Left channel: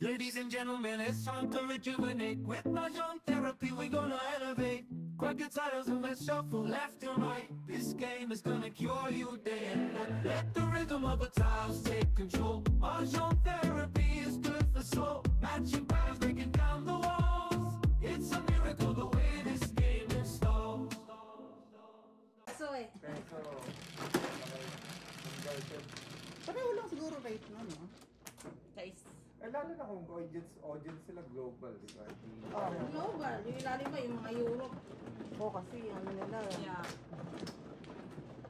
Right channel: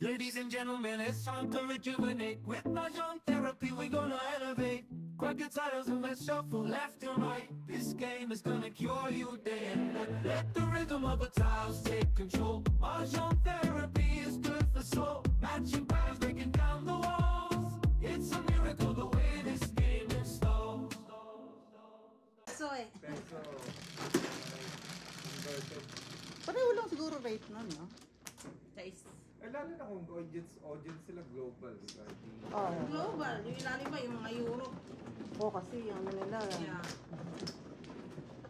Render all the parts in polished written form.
Ladies and gentlemen, it's time to rejuvenate. With Mahjong therapy, we're gonna elevate. Grab your titles and let's shuffle left and right. This game is gonna cure you day and night. Let the rhythm of the tiles take control. Mahjong therapy is good for soul. Matching patterns, breaking down the walls. It's a miracle the way this game installs. So eh. Peso. Pareho lang siguro rate na, no? Guys. Eh, lalo na kung audience sila global, di ba? Global. Yung ilalim ba, yung mga Europe. Oo, kasi ano nila. Yeah.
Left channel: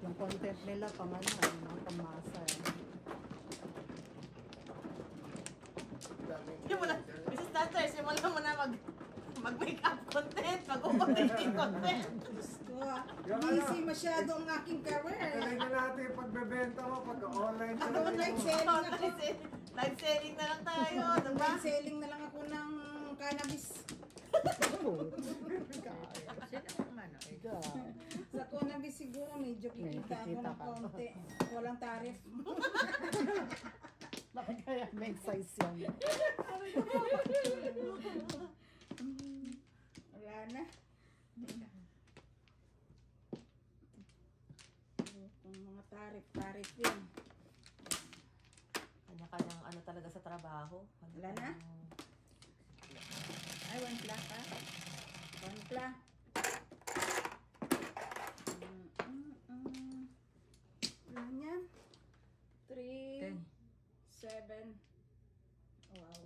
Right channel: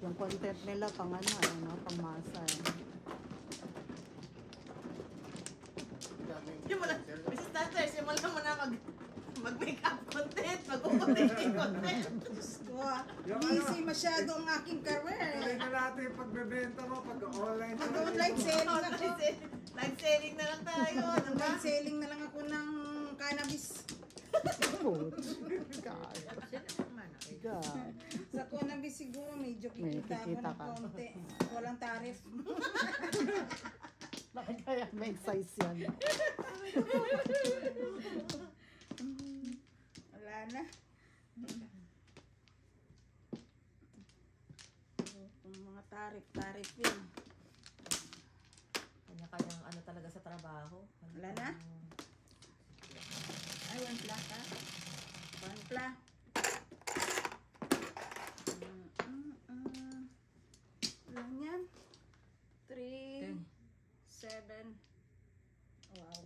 Yung content nila pang ano, pang-masa. Yung wala, Mrs. Tatters, yung wala mo na mag-makeup content, mag-updating content. Busy masyado ang aking career. Talaga natin yung pagbebenta mo pagka-online. Mag-online selling ako. Live selling na lang tayo, diba? Online selling na lang ako ng cannabis. Sa cannabis siguro medyo kikita ako ng konti. Walang tarif. Bakit kaya may size yan? Wala na. Kung mga tarif yun. Kanya-kanyang ano talaga sa trabaho. Wala na? Ay, one pla ka? One pla. Ilan yan? 3, 7. Wow.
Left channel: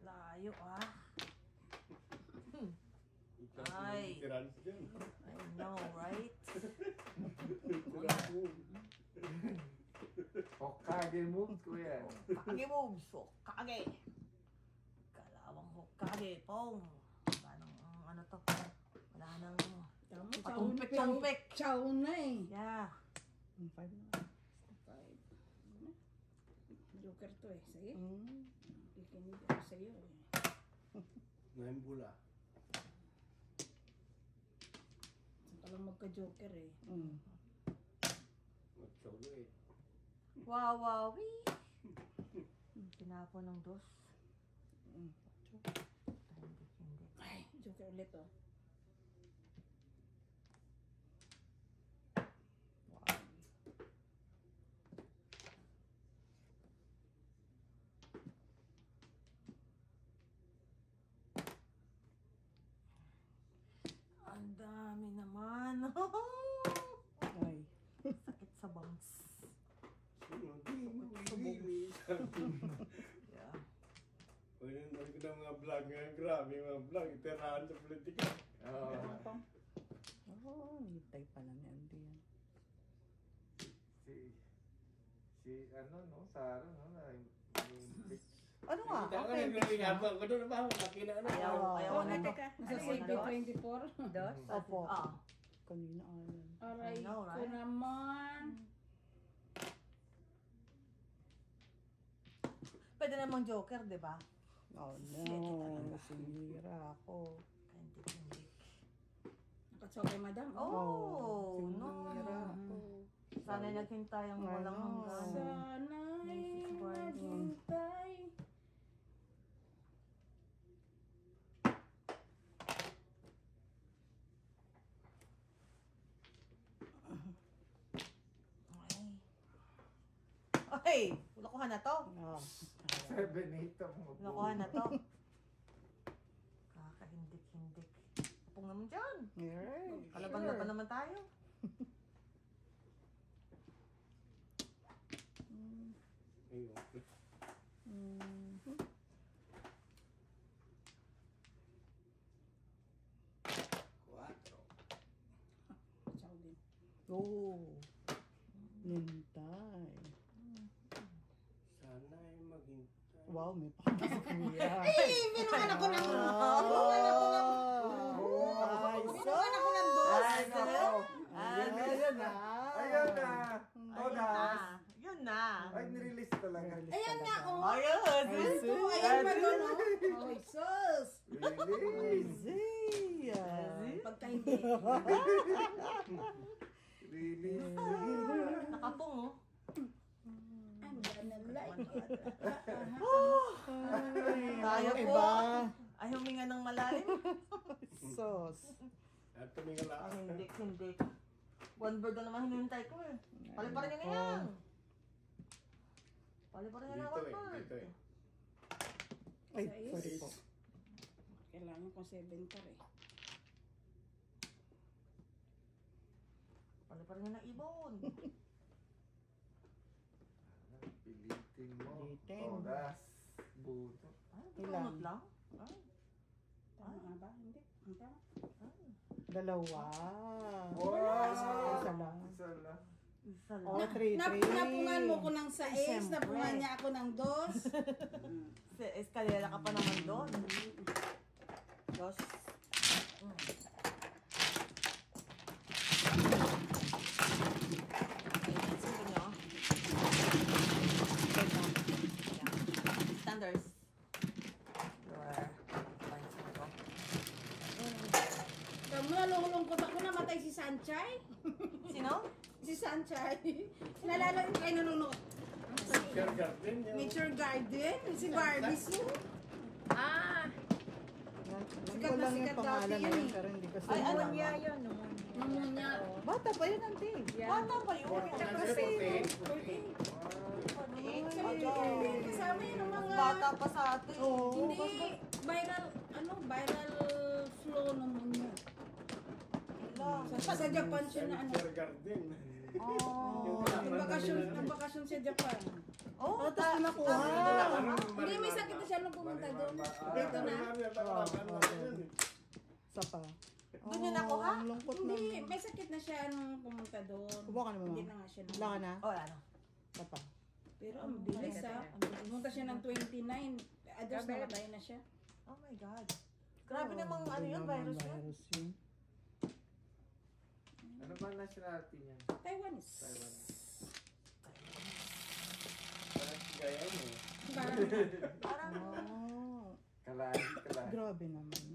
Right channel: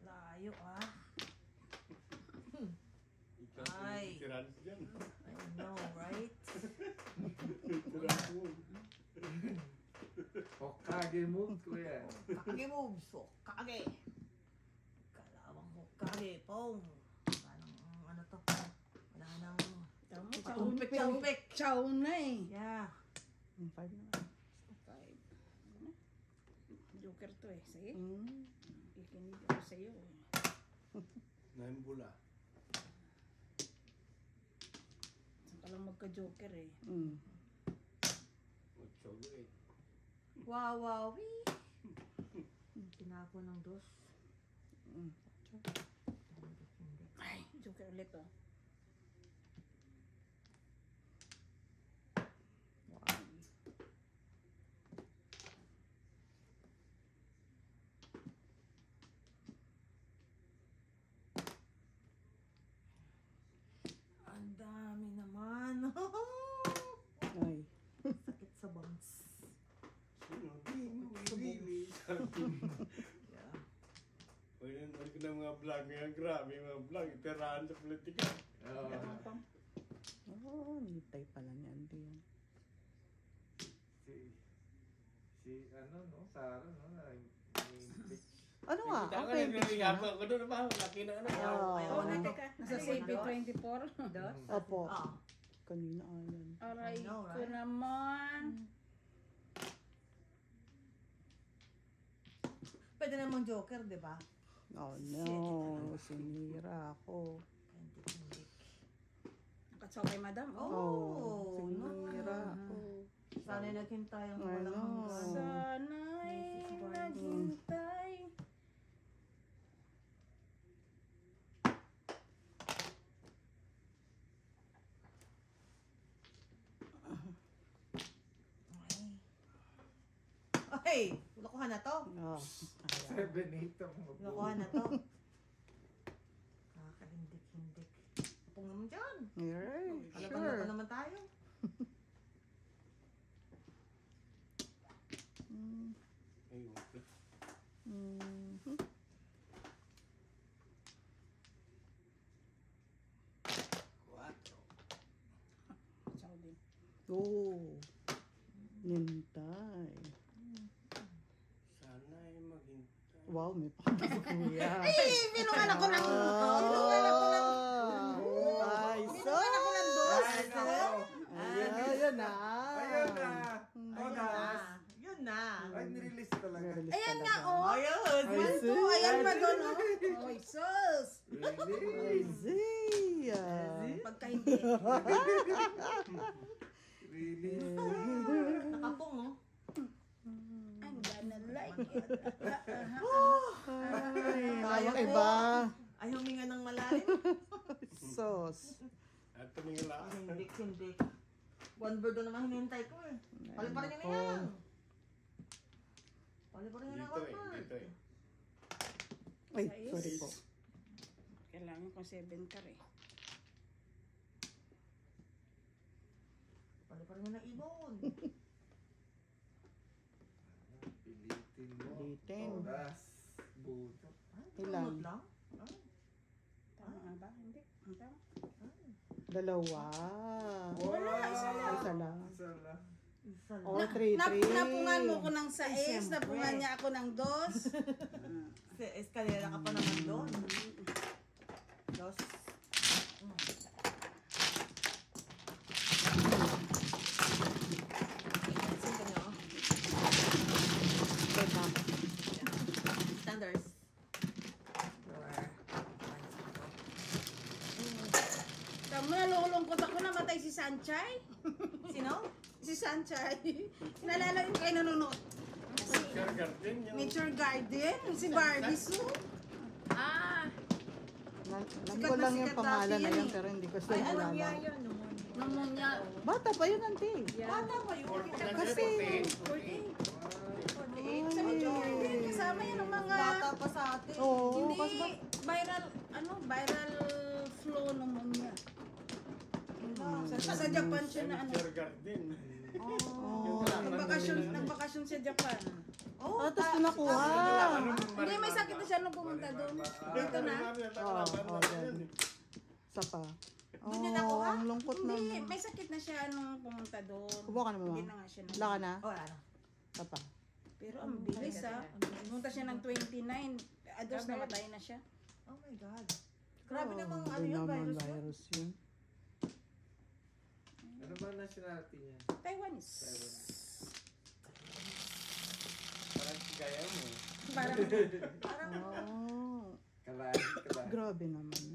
Layo ah. Ay. I know, right? Hokage move, kuya. Kage moves, Hokage. Kalawang Hokage, pong. Ano to? Wala nang patumpik-tumpik. Chow na eh. Yeah. 5 na. 5. Joker to eh. Sige. Ikinig ako sa'yo eh. Naimbula. Saan ka lang magka-joker eh. Wawawi. Tinapo ng dos. Ay, joker ulit oh. Ang dami naman. Ay. Sakit sa bangs. Yeah. Pwede naman ko ng mga vlog ngayon. Grabe yung mga vlog. Itirahan sa politika. Nitay pala ni Andy yan. Si ano, no? Sarah, no? Ano nga? Kita ko Okay. yung habang ko doon naman. Laki na ano. Ayaw na to. Nasa CP24. Opo. Ah. Kanina yan. Aray I know, ko right? naman. Pwede namang joker, di ba? Oh no, sinira ako. Hindi. Nakatsabay madam. Oh, sinira ako. Sana'y naghintay ang walang hanggan. Sana'y naghintay. Ay, lokohan na to. Oh. 7-8 ang mabuo. Lokohan na to. Kakahindik-hindik. Kapong naman dyan. Yeah, Kalaban-laban naman tayo. Ayun. Chow din. Oh. Nintay. Sana ay maghintay. Wow, may pakita si Kuya. Eh, binuhan ako ng... Binuhan ako ng... Ay, Binuhan ako ng dos. Ay, nako. Ayun na. Ayun na. Todas. Yun na. Ay, nirelease talaga. Ayan nga, oh. Ayun. One, two, ayan pa doon, oh. Oy, sus. Release. Zia. Really? Nakapong, oh. I'm gonna like it. Ay, Kaya ano po. iba? Ay, huminga ng malalim. Sauce. At tumingin lang. Hindi. One bird na naman hinihintay ko eh. Paliparin niya na yan. Paliparin niya na Dito one bird. dito eh. Ay, sorry po. Kailangan ko 7 car eh. Paliparin niya na ibon. Pilitin mo. Pilitin. Oras. Buto. Ilan? lang? Ay, Tama nga ba? Hindi. Ang tama. Dalawa. Wow! Isa lang. Isa lang. isa Oh, lang. 3-3. Napungan mo ko ng 6, Siyempre. napungan niya ako ng 2. Sa eskalera ka pa naman doon. Dos. Standards. Kami nalulungkot ako, namatay si Sanchay. Sino? Si Sanchay. Nalala rin kayo nanonood. Garden yung... Nature Garden, si Barbie Sue. Ah, Alam ko lang yung pangalan na yun, pero hindi ko sa ay, ano malaman. niya yun? Pneumonia. Bata pa yun, auntie. Bata pa yun. Kasi, Sa Nature Garden, kasama yun ang mga... Bata pa sa atin. Oo. Hindi, viral flow pneumonia. Sa Japan siya na ano. Nature garden. Oh. Nagbakasyon sa Japan. Oh, tapos ko nakuha. Hindi, may sakit na siya nung pumunta doon. Dito na. Isa pa. Doon yun nakuha? Ang lungkot na. Hindi, may sakit na siya nung pumunta doon. Kubo ka na Hindi mama. na nga siya. Wala ka na? Oh, ano? Isa pa. Pero ang bilis ah. Pumunta siya ng 29. Others namatay na siya. Oh my God. Grabe namang ano Hindi yun, naman virus yun. virus yun. Ano ba nationality niya? Taiwanese. Taiwan. Parang gaya mo. Parang Parang, Oh, Kalahi. grabe naman.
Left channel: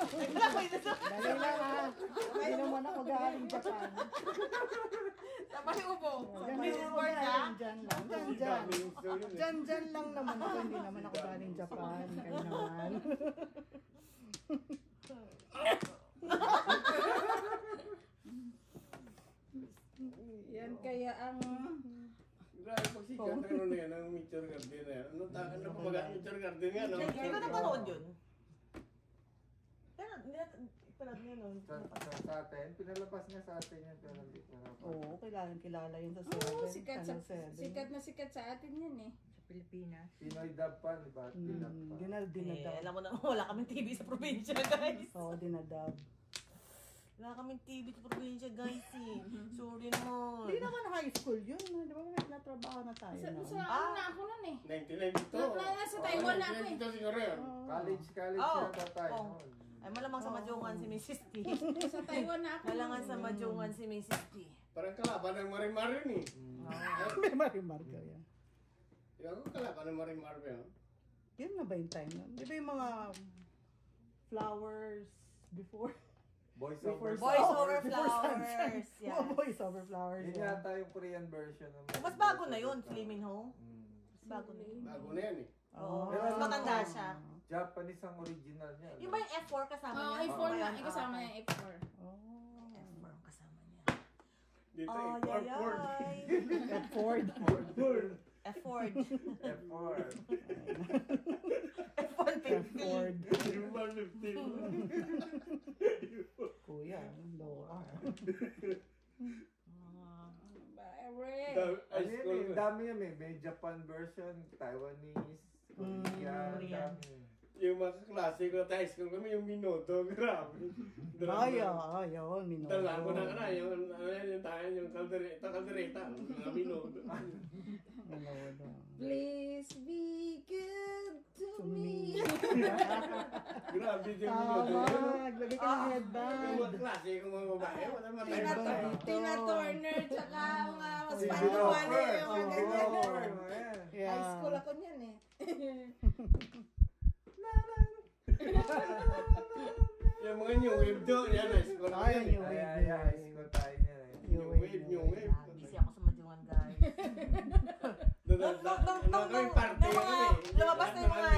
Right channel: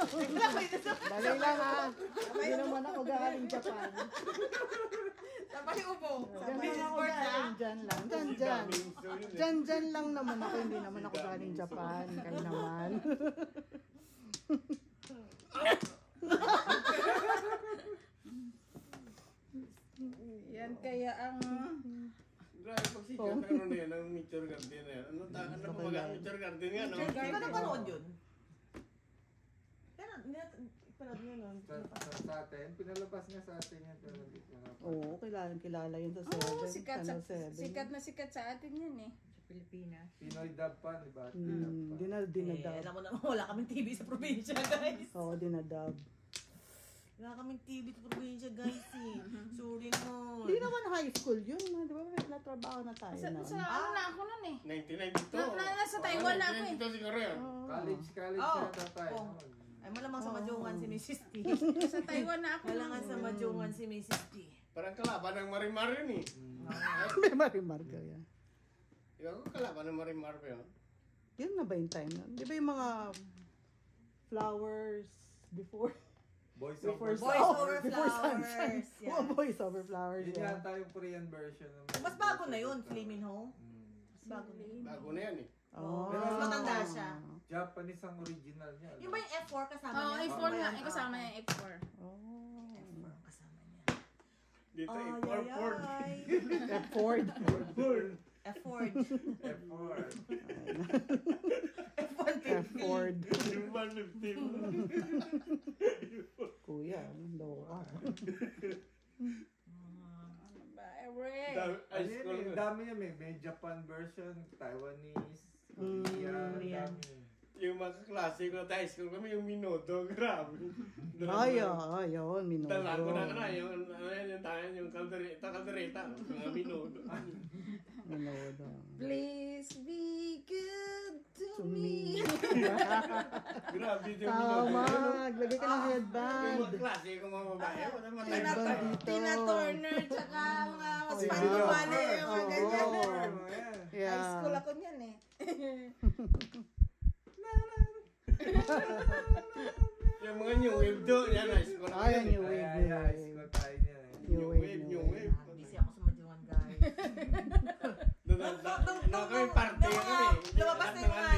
Dali lang ha. Hindi naman ako galing Japan. sabay upo. Diyan lang ako galing. Diyan lang. Diyan. Diyan lang naman ako. Hindi naman ako galing Japan. Kayo naman. yan kaya ang... Grabe pag si Jan, ano na yan, ang nature garden na yan. Ano pa ba ang nature garden nga, no? Hindi ka napanood yun. Kaya, hindi natin, ipanood mo yun. Sa atin, pinalabas niya sa atin yan. Pero hindi ko na Oo, kilala yun sa Oo, 7. sikat sa atin yan eh. sa Pilipinas. Pinoy dub pa, di ba? Dinub pa. Dinadab. Alam mo naman, wala kaming TV sa probinsya, guys. Oo, dinadab. Wala kaming TV sa probinsya, guys, eh. Sorry naman. Hindi naman high school yun. Di ba may natrabaho na tayo Sa na? ano na ako nun eh. 1992. Nasa Taiwan na ako eh. 1992 siguro yun. College Oo. yata tayo. Oo. Ay, malamang sa Madyongan si Mrs. T. Sa Taiwan na ako. Malamang sa Madyongan si Mrs. T. Parang kalaban ng Marimar yun eh. May marimarka yan. Ikaw ko kalaban ng Marimar yun. Yun na ba yung time nun? Di ba yung mga flowers before? Boys Before over Boys Oh, over before flowers. sunshine. Yan. Mga boys over flowers. Yun yan. yata yung Korean version. Ng Mas bago na yun, Lee Min Ho. Mas bago na yun. Bago na yan eh. Oo. Pero Mas ano, matanda siya. Japanese ang original niya. Yung ba yung F4 kasama Oo, niya? F4 nga. Ayan, Kasama ah. yung F4. Oh. F4 ang kasama niya. Dito Ay, eh, ay, Ford. ay. Ford. F4. F4. F4 Ford. Yung man 15. Kuya, loka. Ray. High Ano yun school eh, na. dami yan eh. May Japan version, Taiwanese, Korean, Korean. dami. Yung mga klase ko sa high school kami, yung Minoto, grabe. Ay, yun, minuto. Dala ko na ka na, yung ano yan, yung tayo, yung kaldereta, mga Minoto. Minuto. Please be good to To me. me. Grabe yung Minoto. Tama, naglagay ka ng Yung headband. mga klase ko mga babae, wala matay. Tina Turner, tsaka mga Si Spanish Lover. Valley, yung mga ganyan. Lover, ayan. Yeah. High school ako niyan eh. Yung mga new wave doon, yan, high school ako Ay, yan. new Ay, wave, ay, new high wave. school tayo niya eh. New wave, new wave. Busy ako sa Majuan, guys. Nung kami party Nung kami. lumabas na yung mga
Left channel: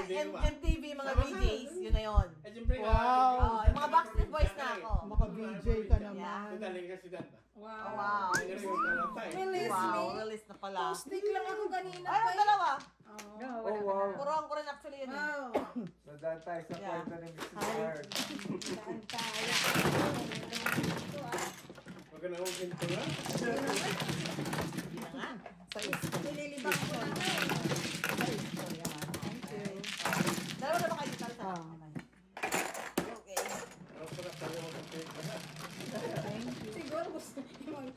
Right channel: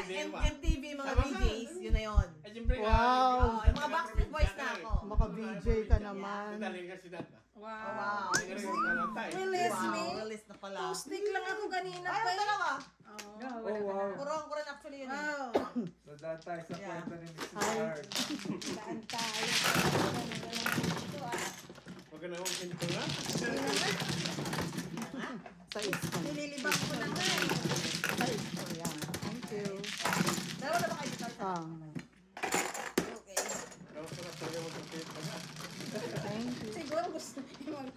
MTV, mga DJs, yun na yun. Ay, siyempre, Oh, yung mga Backstreet Boys na ako. Maka-VJ ka naman. Dali kasi data. Wow. Release Wow, me. release na pala. Post-stick lang ako kanina Ay, pa ang dalawa. No, Oh, wala ka wow. na. Kuruan ko rin actually yun. Wow. Nadaan tayo sa Yeah. kwento ni Mrs. Hart. Saan tayo? Huwag ka naman sinto nga. Sa isko. Nililibang ko na nga. Sa isko, yeah. Thank you. Dalawa na ba kayo sa Ah, Okay. Ang sarap tayo mag-trip ka na. thank you. Siguro gusto niyo mag...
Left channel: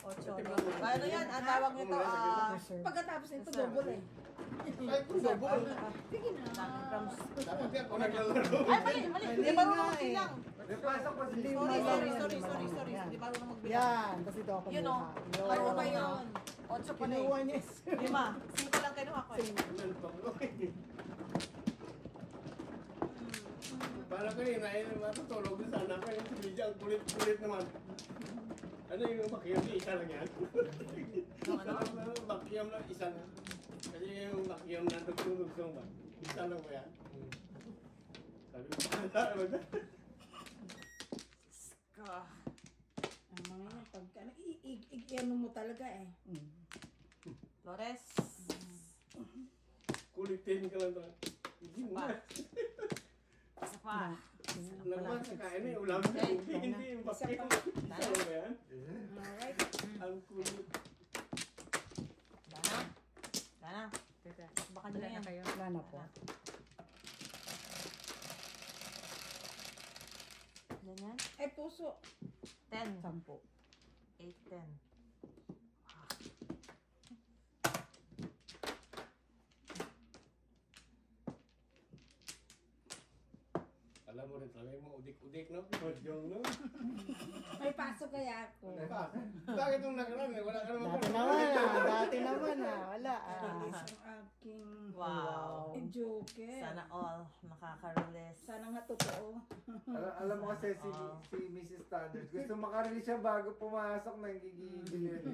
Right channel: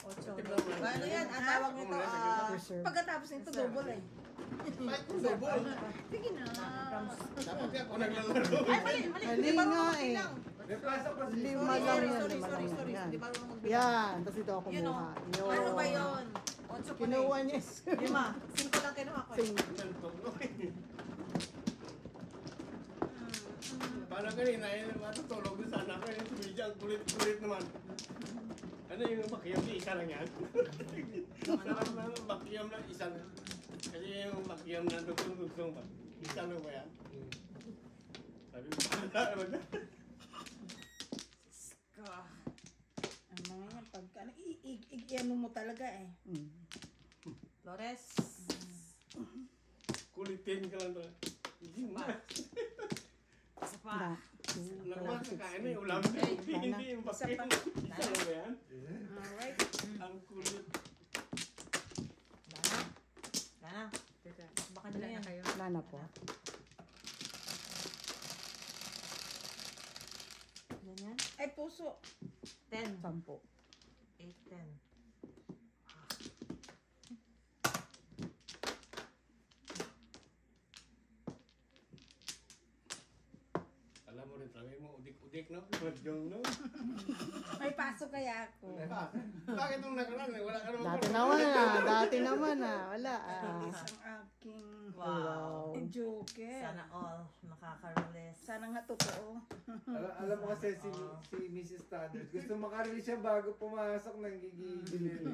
Ocho. Ano yan? Ang tawag nito, Reserve. Pagkatapos nito, double eh. Ay, double. Sige na. Dapat di ako naglalaro. Ay, mali, mali. Mali Di ba nga marunong eh. magbilang? Napasok ko si Lima Sorry, lang sorry, yan, sorry, lima sorry, lang sorry. yan. Di ba marunong magbilang? Yan, kasi ito ako Yun o. kumuha. Ano ba yun? Ocho pa Kinuha niya is. Lima. Cinco lang kinuha ko eh. Parang kanina, matutulog na sana ako. Yung tumidya, ang kulit-kulit naman. Ano yung bakiyam niya? Isa lang yan. Ano bakiyam lang? Isa lang. Kasi yung bakiyam na dugsong-dugsong ba? Isa lang ba yan? Sabi ko, ano ba? Ang mga yan, pag ano, i-ano mo talaga eh. Flores. Kulitin ka lang talaga. Hindi mo na. Isa pa. Nagmahal sa kain eh, ulam na. Hindi yung bakiyam. Isa lang ba yan? Alright. Ang kulit. Dana. Dana. Teka, Baka wala na na yan. kayo. Wala na po. Ganyan. Ay, puso. 10. 10. 8, 10. Alam mo rin, sabi mo, udik-udik no? Yung no? May pasok kaya ako. Bakit nung nakaraan eh? Wala ka naman. Dati naman wala Ang aking Wow. joker. Sana all makaka-release. Sana nga totoo. Alam mo kasi si Mrs. Thunders, gusto makarelease siya bago pumasok ng gigigil.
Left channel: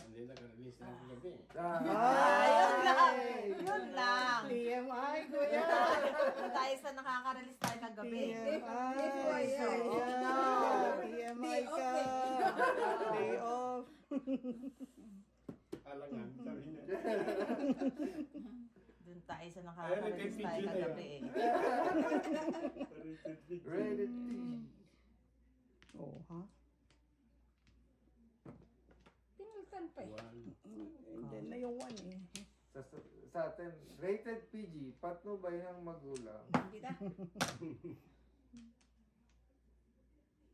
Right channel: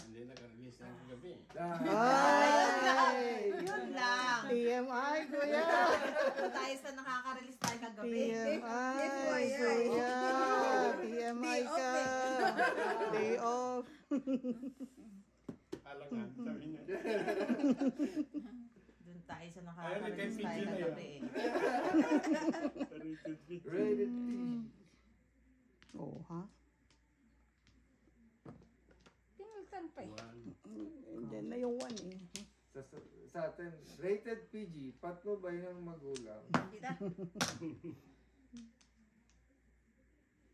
Hindi naka-release na ang gabi. Ay! Yun lang. TMI, kuya! Kung tayo sa nakaka-release tayo kagabi. TMI, FYI. kuya! TMI ka! Day off! Alangan, sabi niya. Doon tayo sa Ayun, nakaka-release tayo nag-PG na kagabi eh. Rated P. Oo, ha? Pinultan pa eh. Diyan na yung one eh. Sa atin, rated PG, patnubay ng magulang. Hindi na.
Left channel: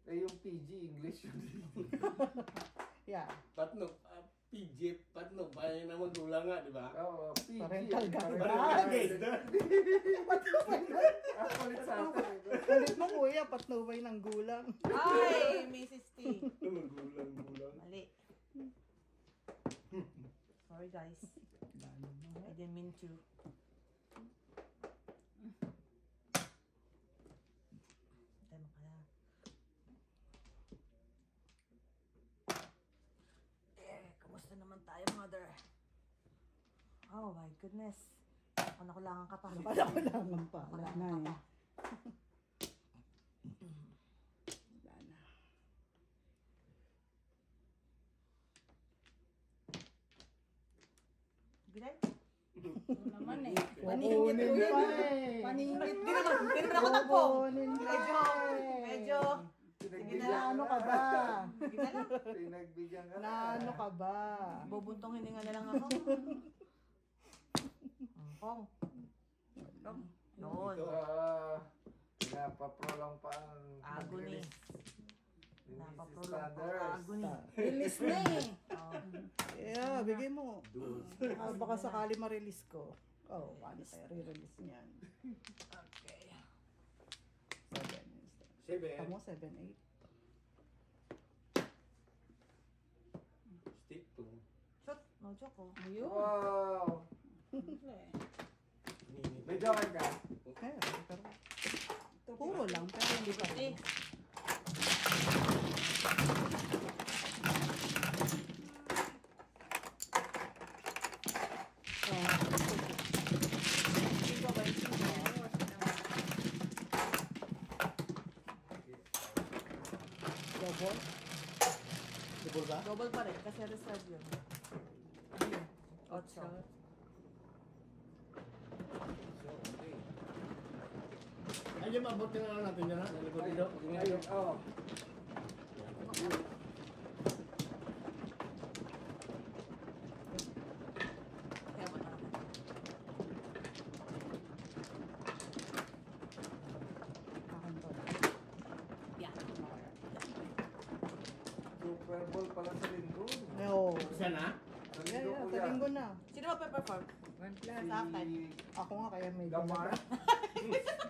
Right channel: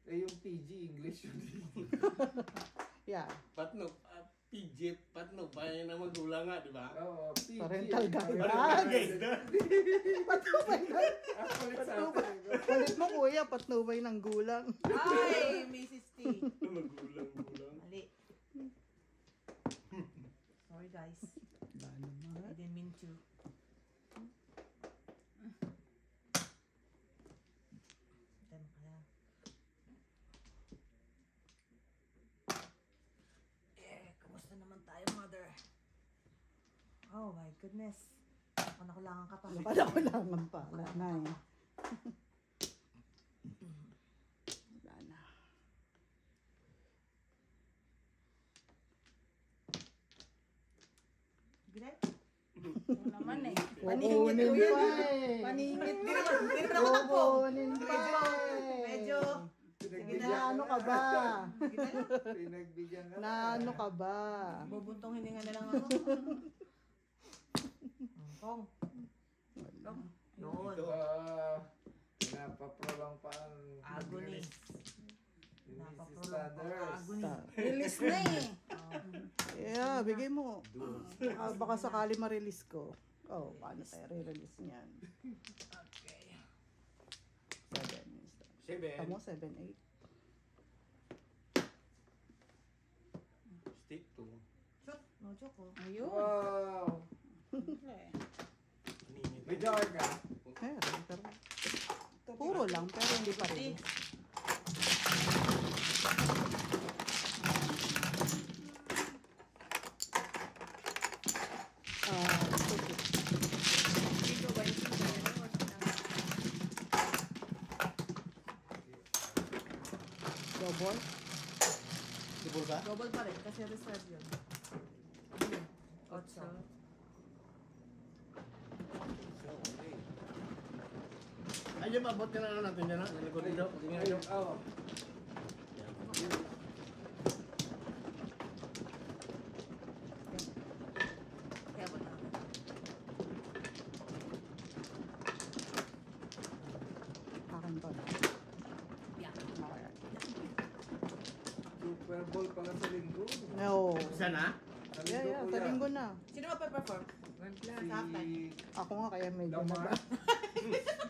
Eh yung PG, English yun. Yeah. Patno, PJ, patno, bayan na magulang nga, di ba? Oo, PG. Parental Parental guidance. Actually sa atin. Ulit mo kuya, patnubay ng gulang. Ay, Mrs. T. Magulang. Mali. Sorry guys. I didn't mean to. Tayo mo kaya. Kamusta naman tayo, mother? Oh my goodness. Ako nakulangan ka pa. Wala ko lang pa. Wala na eh. Wala na. Gilet? Oo naman eh. Paningit Paningit ko ko yun. yun. Paningit ko yun. Dito na ako takbo. Kukunin mo. Medyo. Na ano ka ba? Pinagbigyan ka Na ano ka ba? Bubuntong hininga na lang ako. Pong. Noon. Napapro lang pa ang Agony. ni Mrs. Napaprolong ko Thunders. agony. Release na eh. Yeah, bigay mo. Baka sakali ma-release ko. Oh, paano tayo re-release niyan? Okay. 7. Tamo, 7, 8. Stick to. Shoot. No joke oh. Ayun. Wow! Siyempre. May joker ka? Okay, pero lang, pero hindi pa rin. Double? Double ba? Double pa rin, kasi reserve yun. Otso. Ay, dyan, abot ka na lang natin dyan, ha? Nalikod dito. Ayun, oo. Akin to. Super Bowl pala sa linggo. No. Isa na? Sa Yeah, linggo yeah, ko sa yan. linggo na. Sino ba pe-perform? One plus. Sa akin. Ako nga kaya may Lamar.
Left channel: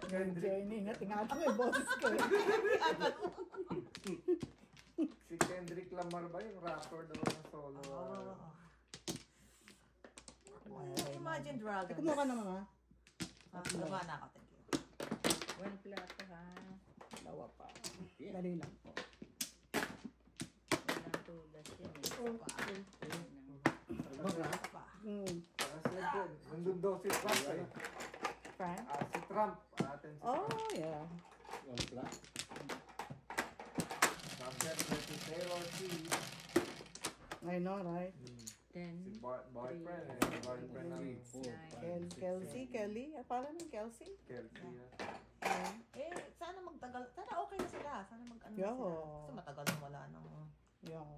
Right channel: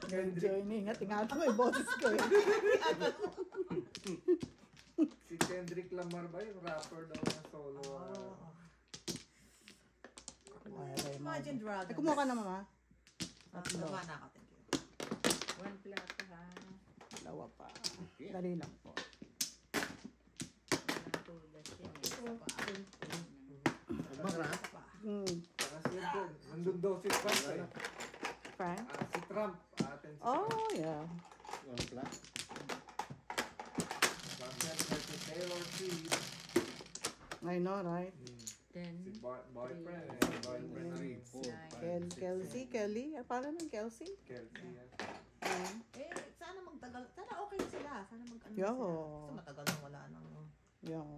Kendrick. joining. Tingnan ko may boses ko eh. Si Kendrick Lamar ba yung rapper daw ng solo? Imagine Dragon. Ay, kumuha ka na, mama. Kumuha na ako, thank you. One plato ha. Dalawa pa. Dali lang po. Walang tulas yun eh. Albak na? Saka siyempre, nandun daw si Trump eh. Frank? Si Trump. Atin si Oh, Trump. yeah. Wala. Siyempre si Taylor Swift. I know, right? Si 10, boyfriend. Boyfriend ni Kelsey, Kelly. Parang ng Kelsey. Kelsey. Eh, sana magtagal. Sana okay na sila. Sana mag-ano na Yeah. sila. Kasi matagal na wala nang... Yeah.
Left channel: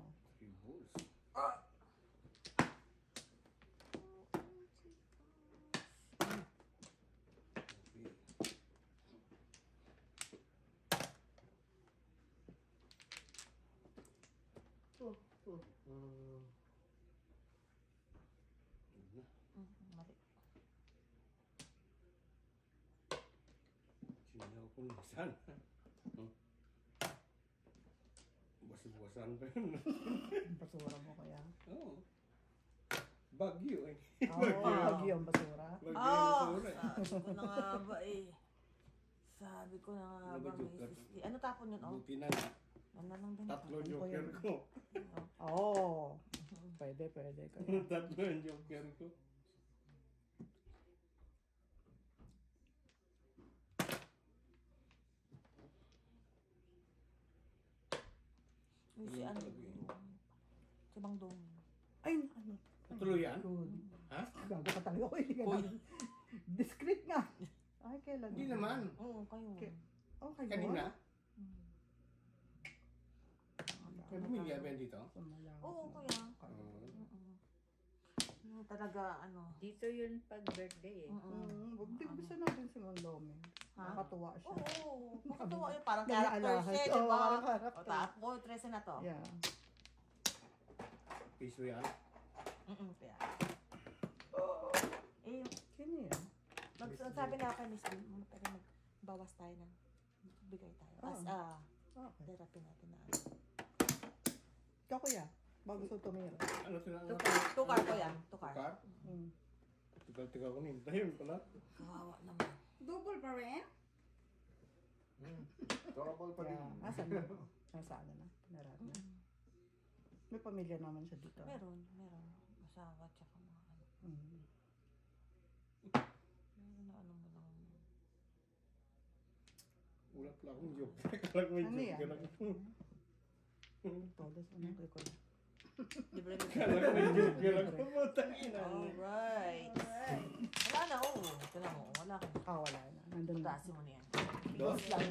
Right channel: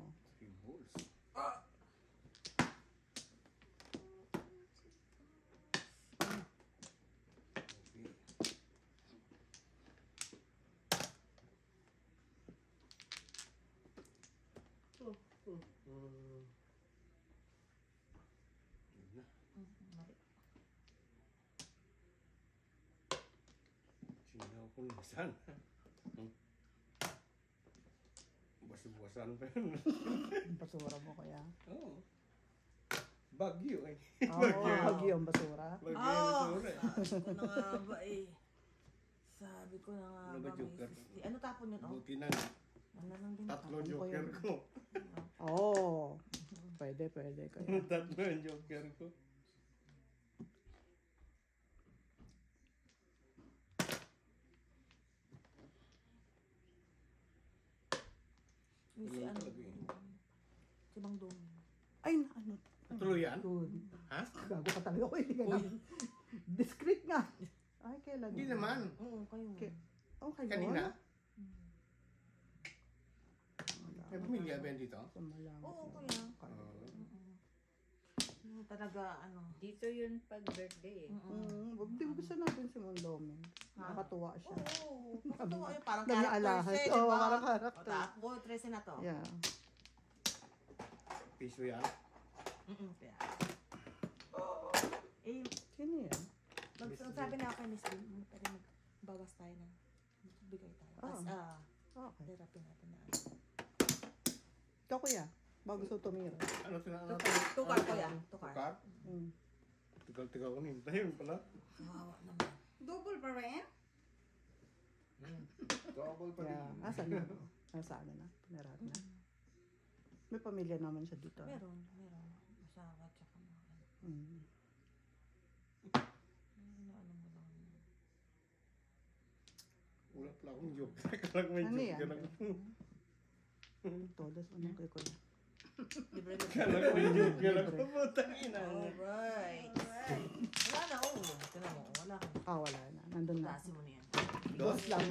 Sinaw ko nisan. Basa-basan pa yun. Basura mo kaya. Oo. Bagyo eh. Oh, bagyo ang basura. Bagyo Oh, ang basura eh. sabi ko na nga ba eh. Sabi ko na nga Ano ba ba, may joker? 50. Ano tapon yun? Oh, Buti na. ano lang din. Tatlo Ano ko joker yun? ko. Oh. Pwede kaya. Tatlo yung joker ko. Yung si ano. Si Bang Dong. Ay, ano? Tuloy yan? Good. Ha? Gago ka talaga ko. Hindi ka namin. Discreet nga. Ay, kailan? Hindi naman. Oo, kayo. Okay, Kanina. May pamilya ba yan dito? Oo, kuya. Talaga, ano. Dito yun pag birthday eh. Wag din gusto natin si Mondome. Nakakatuwa siya. Oo, matutuwa yun. Parang Nag-aalahas. characters eh, Oo, diba? parang O, character. taas ko, 13 na to. Yeah. Piso yan. Kaya. Eh, Sino yan? sabi na kay Miss Lee, magbawas tayo ng bigay tayo. Tapos, Okay. therapy natin na. Ikaw kuya, bago gusto tumira. Ano tinanong? Tukar ko yan. Tukar. Tukar? Tigal-tigal ko nintay pala. Kawawa naman. Double pa rin? Double pa Yeah. rin. Nasaan na? Nasaan na? Pinarat na. May pamilya naman siya dito. Meron. Asawa, tsaka mga ano. Mm. Meron na ano mo lang. Wala pala akong joker. Kala ko may Ano yan? joker ako. Todos, ano kayo ko. Libre mo. Kala ko may joker ako. Putang ina. Alright. Wala na, oo. Ito na mo. Wala ka. Wala na. Nandun na. Gasin mo na yan. Dos? Lang.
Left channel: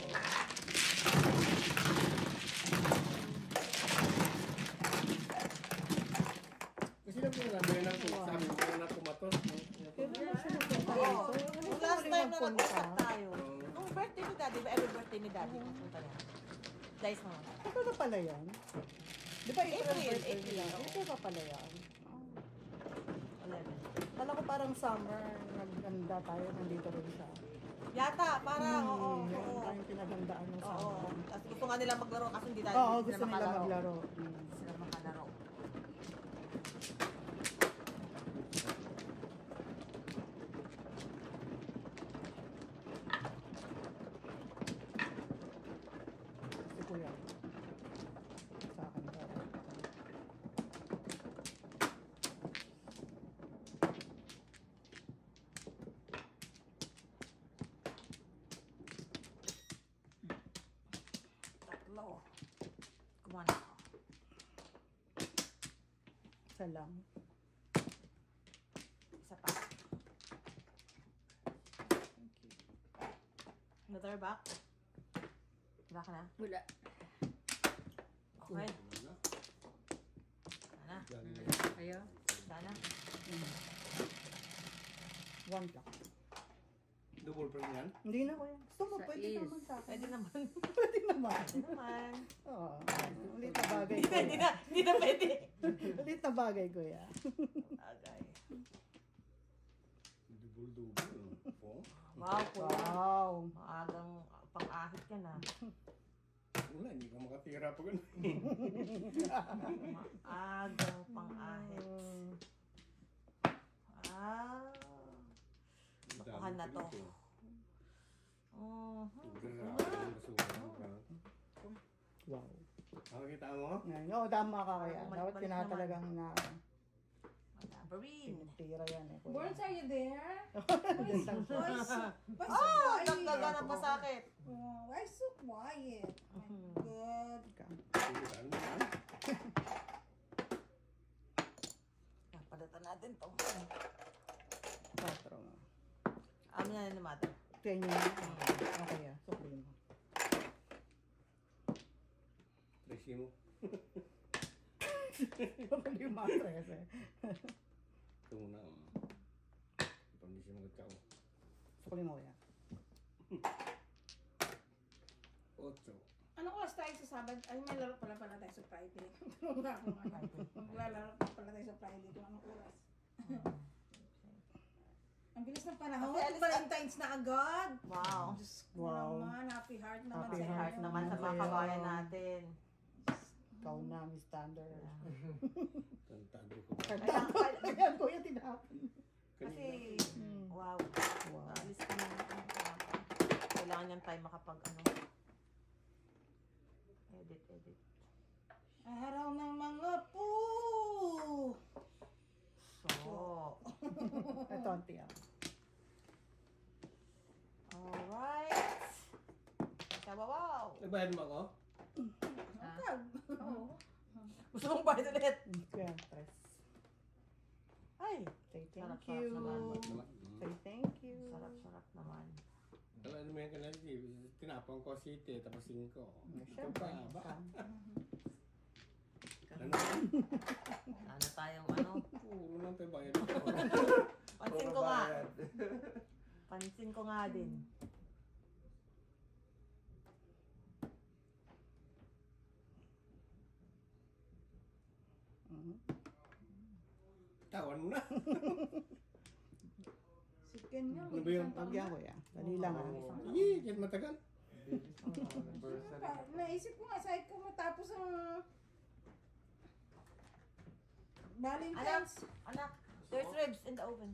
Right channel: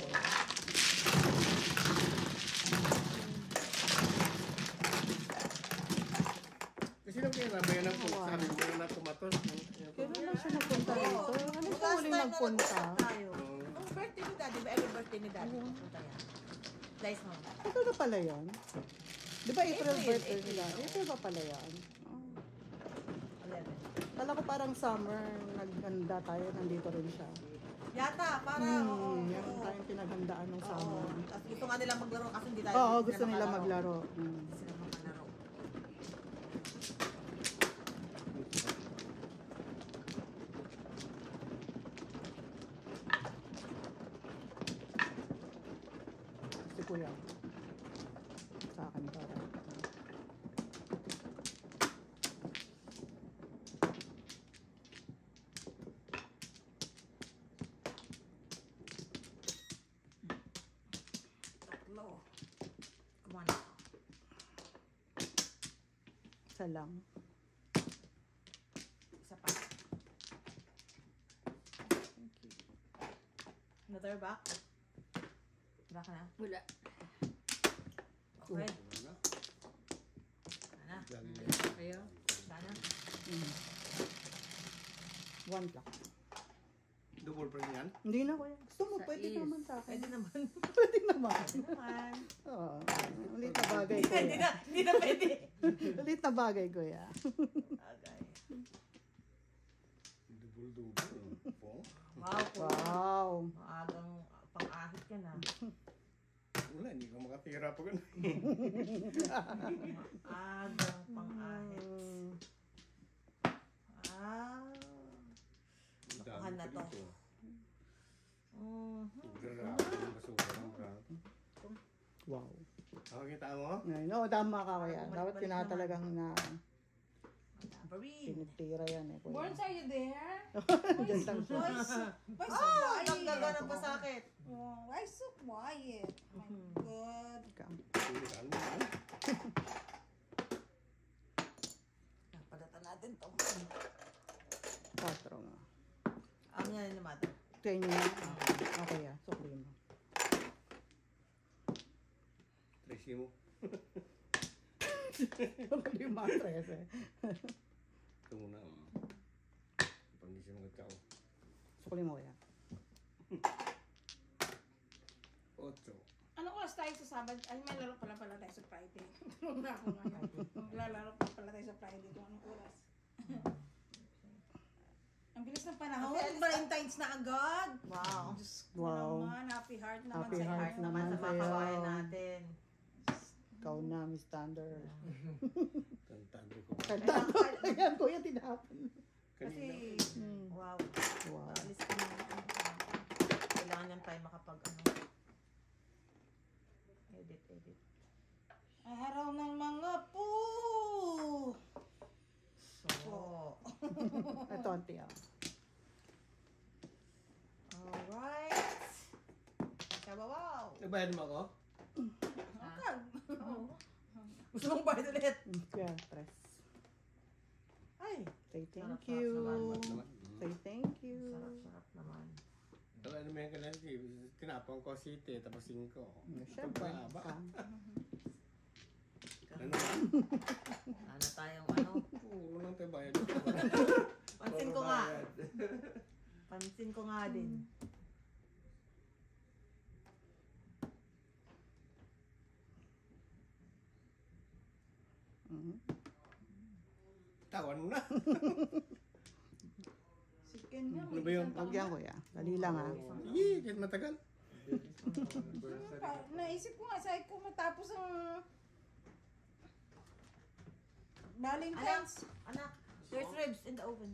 Kasi nagpinabayan na po sa amin. Kaya na tumatos. Kailan na siya nagpunta dito? Ano siya Last huling time na nagpunta? nag-usap tayo. Ang birthday ni Daddy, ba? Every birthday ni Daddy. Punta rin. Guys, mo. Ito na pala yan? Di ba April April, birthday April. nila? April ba pala yan? 11. Kala ko parang summer, naghanda tayo, nandito rin siya. Yata, para, oo. Meron tayong pinaghandaan ng Oo. summer. At gusto nga nila maglaro kasi hindi tayo. Oo, hindi gusto nila makalaro. maglaro. Hindi sila makalaro. Isa lang. Isa pa. Another back. Back na. Wala. Okay. Wala. Sana. Ayaw. Sana. One lang. Double pa rin yan. Hindi na kuya. Gusto mo, Sa pwede is. naman sa akin. Pwede naman. Pwede naman. Naman. Oo. Ulit na bagay Hindi kuya. na. Hindi na pwede. Ulit na bagay kuya. Okay. Double. Po. Wow, kuya. Wow. Maagang pang-ahit ka na. Wala, hindi ka makatira pa ganun. Maagang pang-ahit. Ah. Nakuha na to. Wow. Kita mo? No, tama ka kuya. Bumalik-balik Dapat tinatalagang na Tambourine. pinitira yan eh kuya. Borns, are you there? Diyan lang siya. Why so Oh, quiet? tanggal na pasakit. Oh, why so quiet? Oh my God. Napalatan natin to. 4 nga. Ano na ni Mata? Ito yun yung okay ah. Sukli mo. Tracy mo. Sukli yung mga 13. Ito muna. Pandi siya magkao. Sukli mo kuya. 8. Ano oras tayo sa Sabado? Ay, may laro pala tayo sa Friday. Tulog na ako ngayon. Maglalaro pala tayo sa Friday. Doon anong oras? Ang bilis ng panahon. Kasi Valentine's na agad. Wow. Diyos ko Wow. naman. Happy heart naman Happy sa heart Heart inyo. naman sa mga Sa'yo. kabayan natin. Ikaw na, Miss Thunder. Tantado ko. Kaya kuya tinapon. Kasi, Hmm. wow. Wow. At least kailangan yan tayo makapag edit. Araw ng mga po. So, Ito ang tiyak. alright. Wow. Nabayad mo ako? Agad. Gusto mong bayad ulit? Kuya, tres. Ay, Say thank Sarap, you. sarap naman. Say thank you. sarap naman. Wala naman yan kanina. Tinapang ko city, tapos 5. Ito Siyempre. pa, ba? Ano tayong ano? Puro lang tayo bayad. Pansin ko nga. Pansin ko nga din. Tawan mo na. Si Kenya. Ano ba yun? Huwag yan kuya. Dali lang ah. Sige, kahit matagal. Naisip ko nga, sabi ko matapos ang Valentine's. Anak, there's ribs in the oven.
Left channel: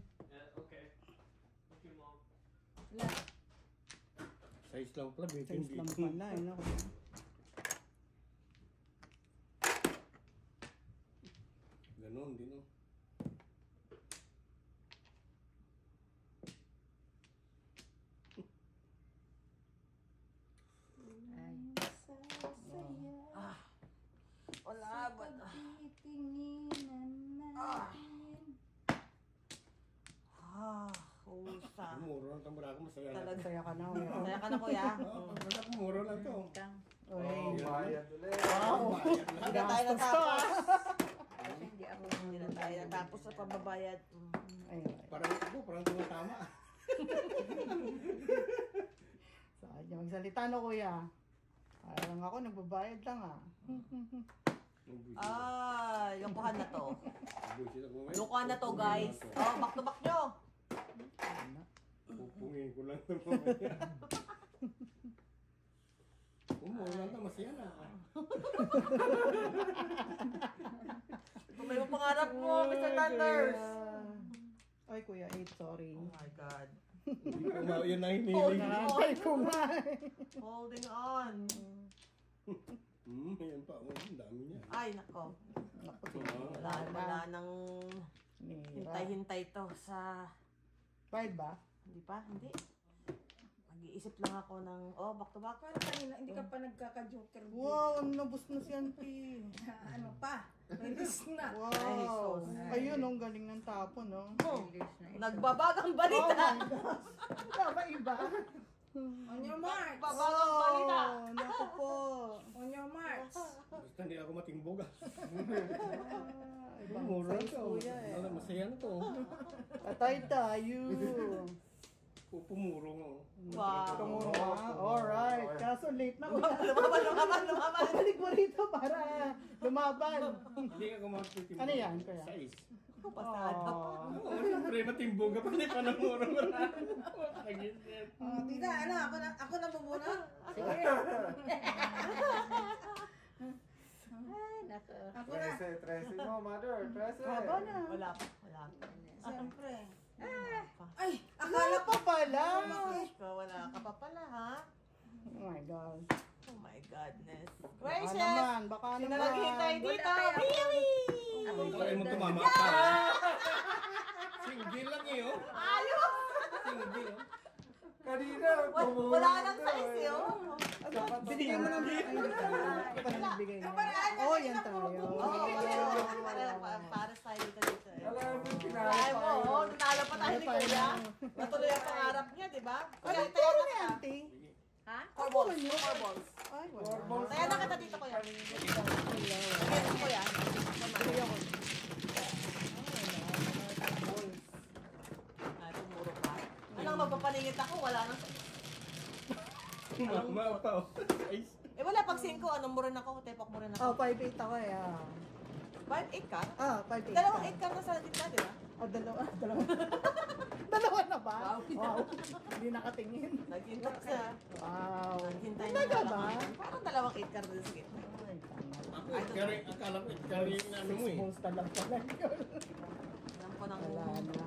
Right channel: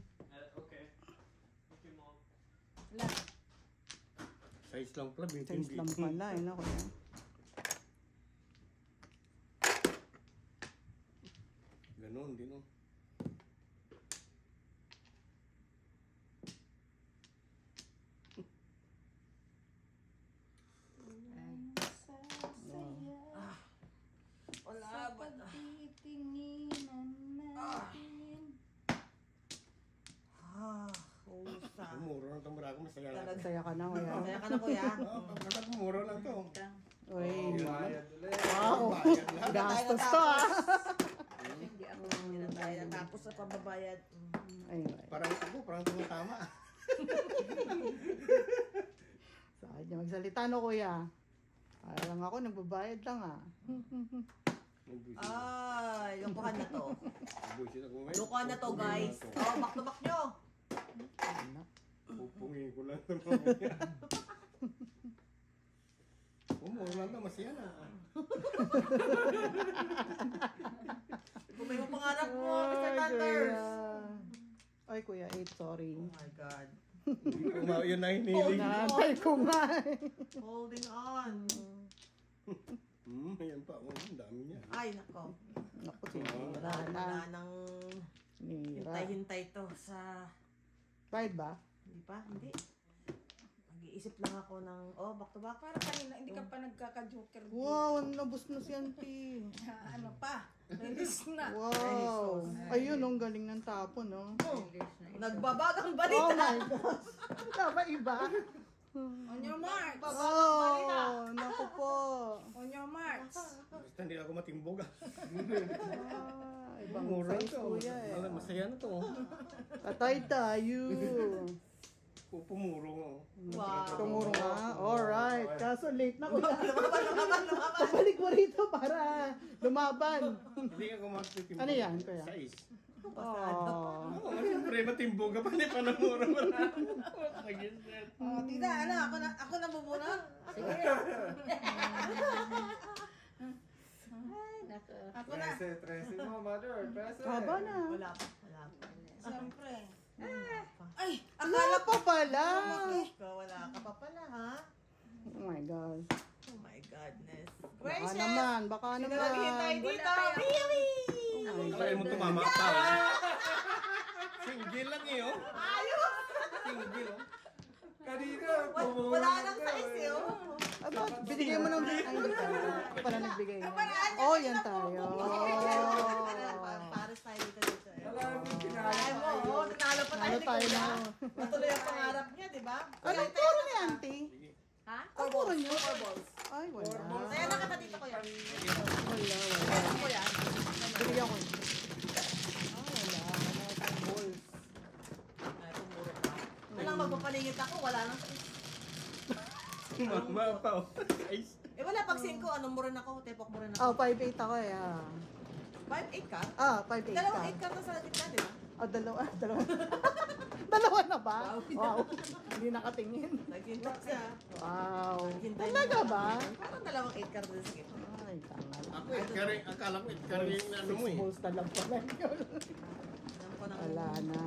Wala. Size lang pala, Size lang pala eh, no kuya. Ganon, din no. Wala Sa ba? pagtitinginan natin. Usan. Muro lang itong barako, masaya lang. Talaga. Saya ka na kuya. Kaya ka na kuya. Muro lang ito. Uy. Bayad ulit. Bayad lang. Gastos to ah. Kasi hindi ako Hindi na tayo. Tapos sa pababayad. Ayun. Parang ako, parang tumatama. Saan niya magsalita no kuya? Para lang ako, nagbabayad lang ah. Ay, lokohan na to. Bullshit ako. Lokohan na to, guys. Oh, back to back nyo. Pupungin ko lang ito mamaya. Muro lang ito, masaya na. Kung may pangarap mo, Mr. Thunders. Ay kuya, 8, sorry. Oh my God. Yun na hiniling. Nakantay ko nga eh. Holding on. Ayan pa. Ang dami niya. Ay, nako. Naku, sige. Wala nang Nira. hintay-hintay to sa... Bayad ba? Hindi pa? Hindi. Mag-iisip lang ako ng, back to back. Parang kanina, hindi ka pa nagkaka-joker. Wow, nabus na si auntie. Ano pa? Release na. Wow. Ayun, ang galing ng tapon, no? English na ito. Nagbabagang Oh balita. my gosh. Tama iba? On your marks. Nagbabagang balita. Oh, naku po. On your marks. Basta hindi ako matimbog ah. Ibang Mura size, to. kuya eh. Masaya na to. Patay tayo. Pumurong oh. Wow. Tumuro na. Alright. Kaso late na kuya. Lumaban. Balik mo rito para lumaban. Hindi ako matimbog. Ano yan, kuya? Size. Pasado. Oh. Oo, siyempre matimbog ka pa. Hindi pa namura marami. Nag-isip. Oh, tita, ano? Ako na muna? Sige. Ay, nako. Ako na. 13 mo, mother. 13. Haba na. Wala pa. Siyempre. Ah. Ay, Wala akala pa pala. Wala ka pa pala, ha? Oh my God. Oh my godness. Baka Gracious! naman. Baka Sino naman. naghihintay Wala dito? kaya ako. Really? Ako Kaya mo golden. tumama ka. Single lang eh oh. Ayos! Single oh. Kanina. Wala ka ng size eh, oh. Ano? Binigay mo ng... Ay, hindi tayo. Para nagbigay niya. Oh, yan tayo. Para tayo dito eh. Alam mo, Ay mo, oh, tinalo pa tayo Ano ni tayo Kuya. na? Matuloy ang pangarap niya, di ba? Anong turo ni auntie? Ha? Four balls. Four balls. Ay, wala. Kaya na kita dito, Kuya. Wala. Kuya. Binigay ako. Ay, tumuro ka. Walang magpapaningit ako, wala nang Tumama pa oh. Size. Eh wala, pag 5, anong muran ako? Tepok muran Oh, ako. 5'8 ako eh. 5'8 ka? 5'8 Dalawang ka. 8 ka na sa gitna, di ba? Oh, dalawa. Dalawa na ba? Wow. Hindi nakatingin. Naghintay siya. Wow. Naghintay Talaga na ba? Parang dalawang 8 ka rin sa gitna. Ay, tama. Ako ikaring, akala ko ikaring ano mo eh. Balls na lang pala yun. Alam ko nang... Wala na.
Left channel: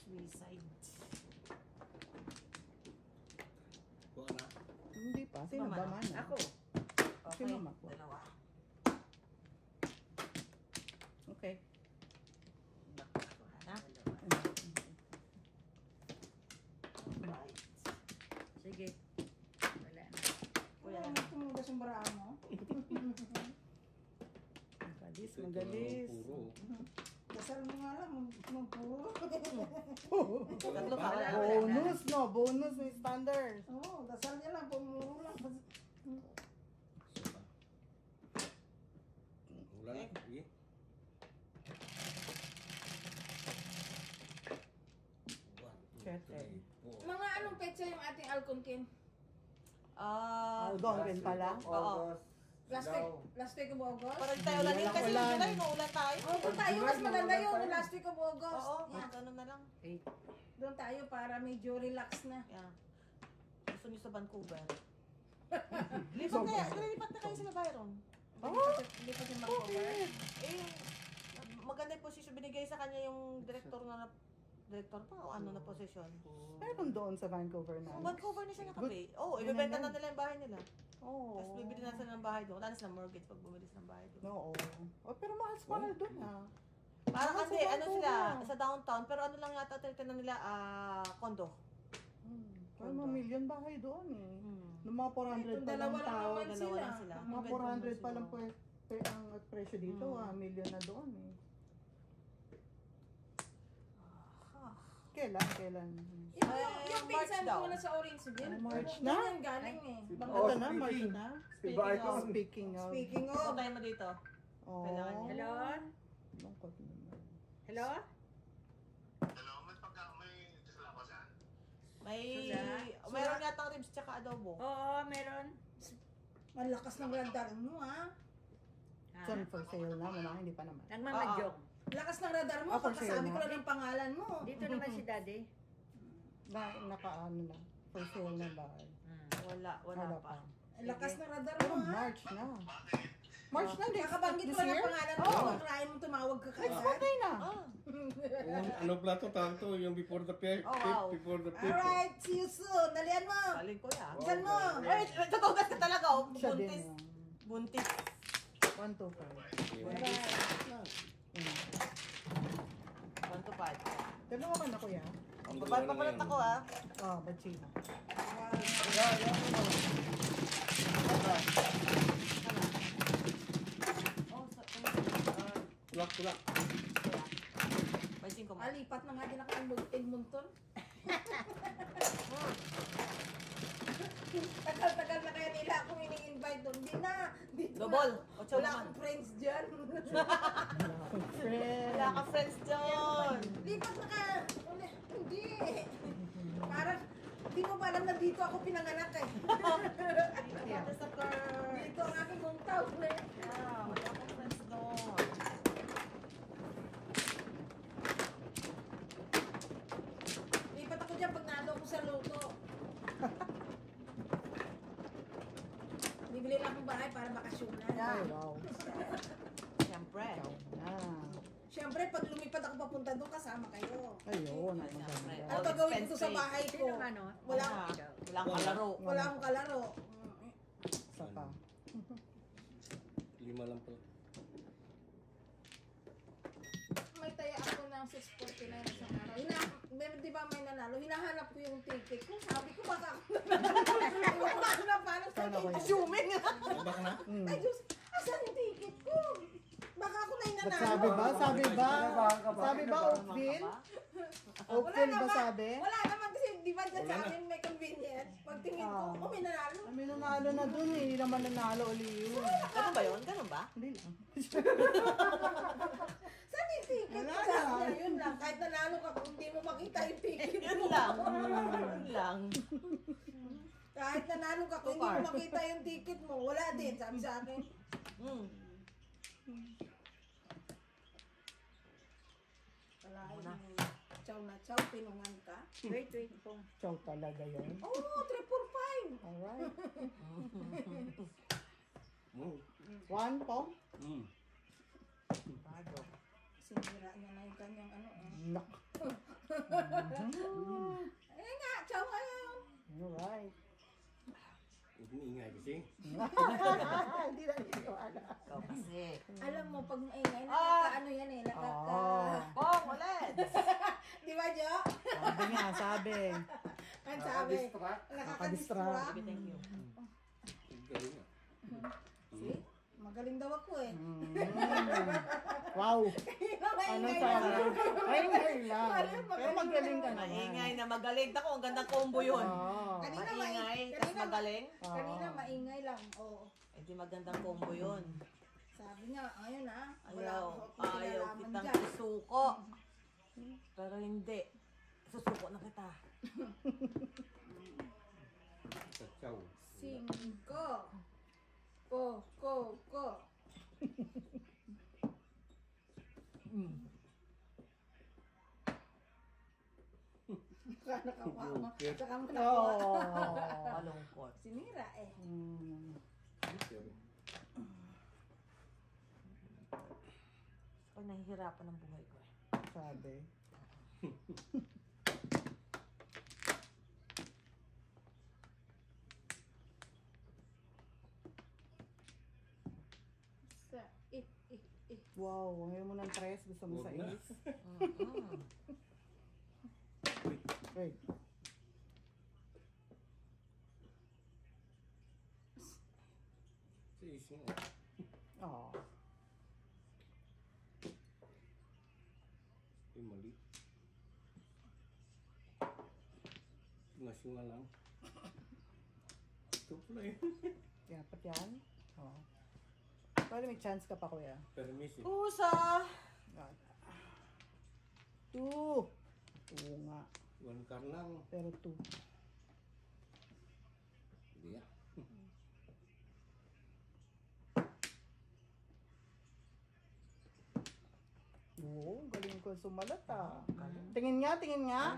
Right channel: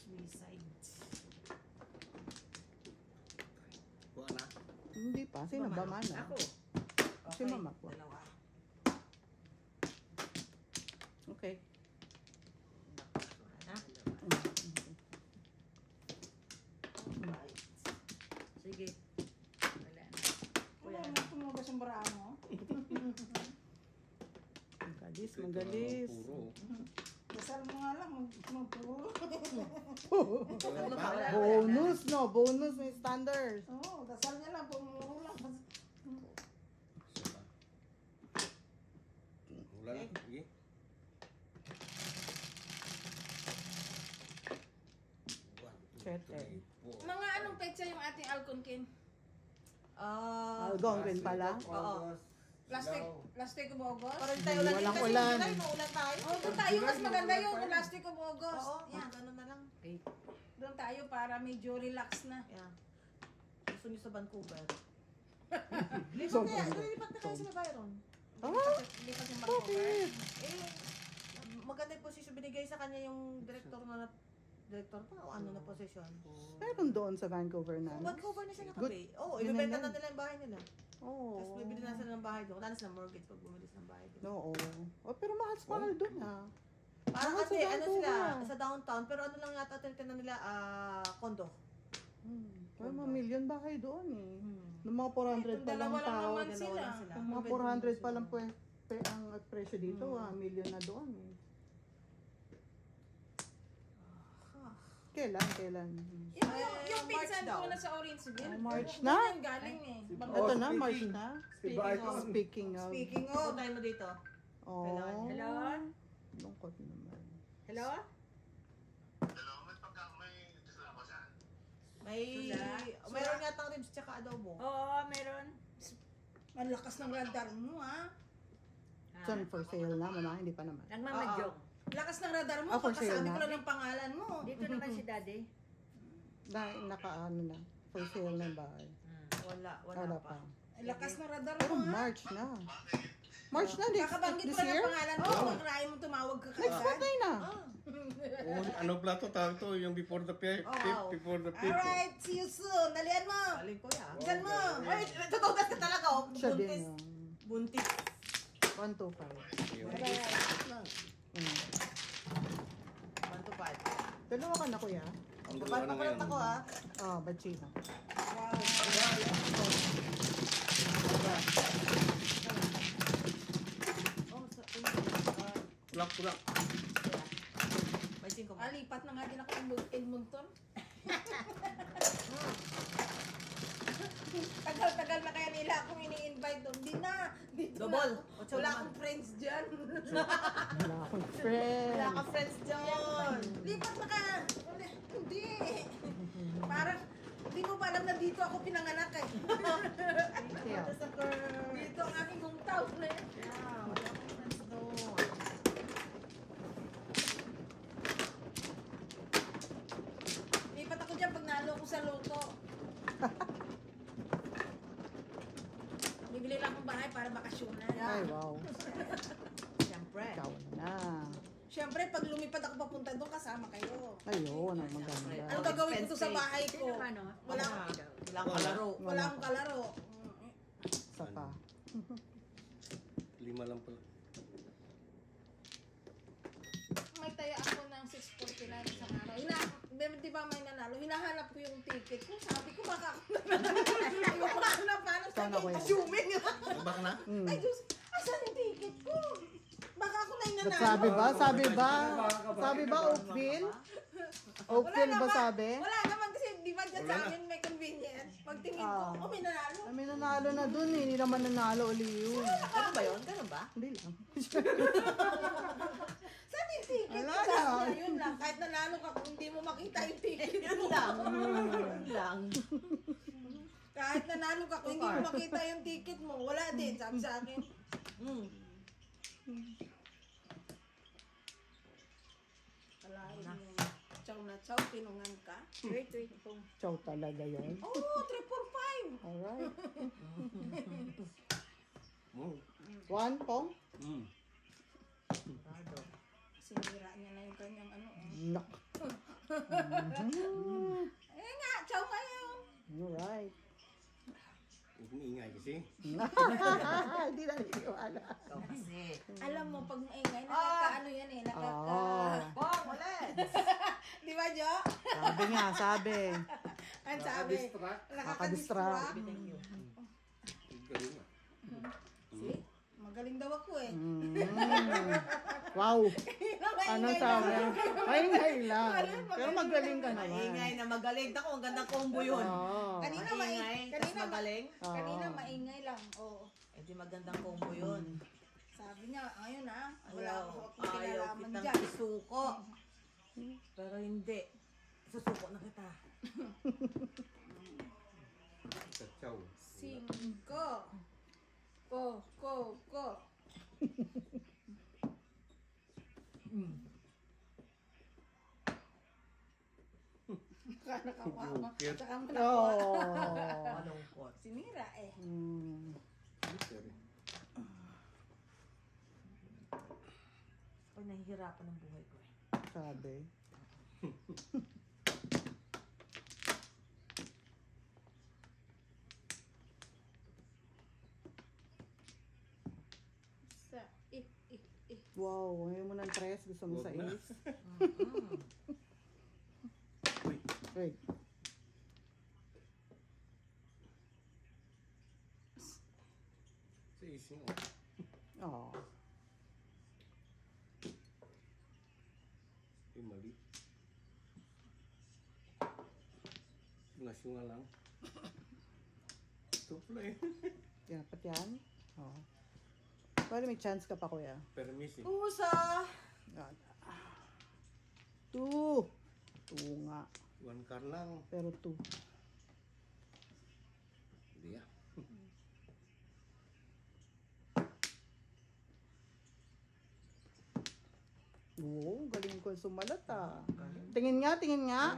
Suicide. Buwan na. Hindi pa. Sino ba man? Ako. Si mama po. Dalawa. Okay. Na? Sige. Wala na. wala mo tumubas yung bra mo. Magalis, magalis. Puro. Dasal mo nga lang, magpuro. Tatlo pa. Wala. Bonus, no? Bonus may standards. Oo, dasal niya lang, pumuro lang. Wala na. Sige. Chet, eh. Mga anong petsa yung ating Alconkin? Algonquin pala. August. Last week of August? Parang tayo ulan din Walang kasi ulan. July, ulan tayo. Oo, doon tayo. Mas maganda yung last week of August. Oo, Yan. ganun na lang. Doon tayo para medyo relax na. Yeah. Gusto niyo sa Vancouver. Lipat kaya, lipat na kayo sila Byron. Hindi pa yung Vancouver. Eh, maganda yung posisyon. Binigay sa kanya yung director na director pa o ano na posisyon. Meron doon sa Vancouver na. So, Vancouver na siya Good. nakapay. Oo, Yun ibibenta na na yan. nila yung bahay nila. Oo. Tapos bibili na sila ng bahay doon. Wala na silang mortgage pag bumili ng bahay doon. Oo. Oh, pero mahal doon ah. Parang Mahal kasi sa ano sila, Vancouver. sa downtown, pero ano lang yata tinitin nila, condo. Ay, mga million bahay doon eh. Noong mga 400 pa lang Dalawa lang tao. naman sila. lang sila. Mga 400 pa lang po ang presyo dito, million na doon eh. Kailan? Yung March pinsan daw. ko na sa Orangeville. March Doon na? yan galing eh. Ito na, March na. Si Bicon. Speaking of. Speaking Ano of, tayo mo dito? Oh. Kailangan niya. Hello? Lungkot naman. Hello? May, Wala. mayroon yata ribs tsaka adobo. Oo, meron. malakas ng radar mo ha. Ha? Saan for sale na? Wala, hindi pa naman. Nagmamadyong. Lakas ng radar mo, Ako sa'yo kakasabi na. ko lang ng pangalan mo. Dito naman si daddy. Nakaano na. For sale na ba? Wala Wala pa. pa. Lakas ng radar Pero mo ha. March na. March na, Kakabanggit this ko lang year? ng pangalan mo, pag rahay mo tumawag ka Next kagad. birthday na. Oh, ano plato tawag to? Yung before the fifth, wow. before the fifth. Alright, see you soon. Dalian mo. Alin ko ya. Dalian mo. Ay, tutugas ka talaga oh. Siya din Buntis. yung Buntis. 125. One to five. Dalawa ka na kuya? dalawa na ngayon. Ako ha. Oh, bachino. Kulak. May 5 mo. Lipat na nga din ako ng Edmonton. Tagal-tagal na kaya nila akong ini-invite doon. Hindi na. Dito Double. na. Ocho Wala naman. akong friends dyan. Friend. Wala akong friends dyan. Lipat na ka. Hindi. Parang, hindi mo pa alam na dito ako pinanganak eh. Yeah. Dito ang aking hometown eh. Lipat ako dyan pag nalo ko sa luto. Bibili lang akong bahay para bakasyonan. Ay, wow. Siyempre. Ikaw na. Siyempre, pag lumipad ako papunta doon, kasama kayo. Ayun, ang maganda. Ano gagawin ko sa bahay ko? Sino man, oh? Wala, Kailangan kalaro. wala akong kalaro. Isa pa. 5 lang pala. May taya ako ng 649 isang araw. Di ba may nanalo? Hinahanap ko yung ticket ko. Sabi ko, baka ako nanalo. Paano na paano sa Sana ko yun. assuming. Bak na? Ay, Diyos, asan yung ticket ko? Baka ako na yung Ba't nanalo. sabi ba? Sabi ba Oakville? Oakville ba sabi? Wala naman kasi, di ba dyan sa amin may convenience. Pagtingin ko, may nanalo. May nanalo na dun eh. Hindi naman nanalo ulit yun. Ganun ba yun? Ganun ba? Hindi lang. Saan yung ticket Wala ko? na. Sabi niya, yun lang. Kahit nanalo ka, kung hindi mo makita yung ticket Yun mo. lang. Yun lang. Kahit nanalo ka, kung hindi mo makita yung ticket mo, wala din. Sabi sa akin, Hmm. kalahin yung chow na chow, pinungan ka. Wait, pong. Chow talaga yun. Oo, 345. Alright. Mm. 1 pong? Mm. Sinira niya na yung kanyang ano. Nak. Eh nga, chow ngayon. Alright. Umiingay kasi. Hindi na niniwala. Ikaw kasi. Alam mo, pag maingay, nakaka-ano yan eh, nakaka... Pong, ulit. Di ba, Jo? Sabi nga, sabi. Ang sabi, Nakadistract. nakaka-distract. Thank you. Galing ah. See? Magaling daw ako eh. Wow. Ano sabi? Maingay lang. Pero magaling ka naman. Maingay na magaling. Tako, ang gandang combo yun. Oo. Kanina Maingay, tas magaling. Kanina maingay lang. Oo. Eh di magandang combo yun. Sabi niya, ayun ah, wala Ayaw, akong ayaw kinalaman kitang dyan. isuko. Pero hindi. Susuko na kita. Chow. 5. Ko. Nakakawa. Saka mo nakuha. Oh. Malungkot. Sinira eh. Pag nahihirapan ang buhay ko eh. Sabi. Sa, Wow, ngayon mo ng 3. Gusto mo sa 8. Wait. Sa ising Oh. Ay, mali. Nasyunga lang. Ito pala eh. Dapat yan. Oh. Pwede may chance ka pa, kuya. Permis eh. Kusa! 2. 2 nga. 1 car lang. Pero 2. Hindi ah. Oo, galing ko sumalat ah. Tingin nga. Hindi na.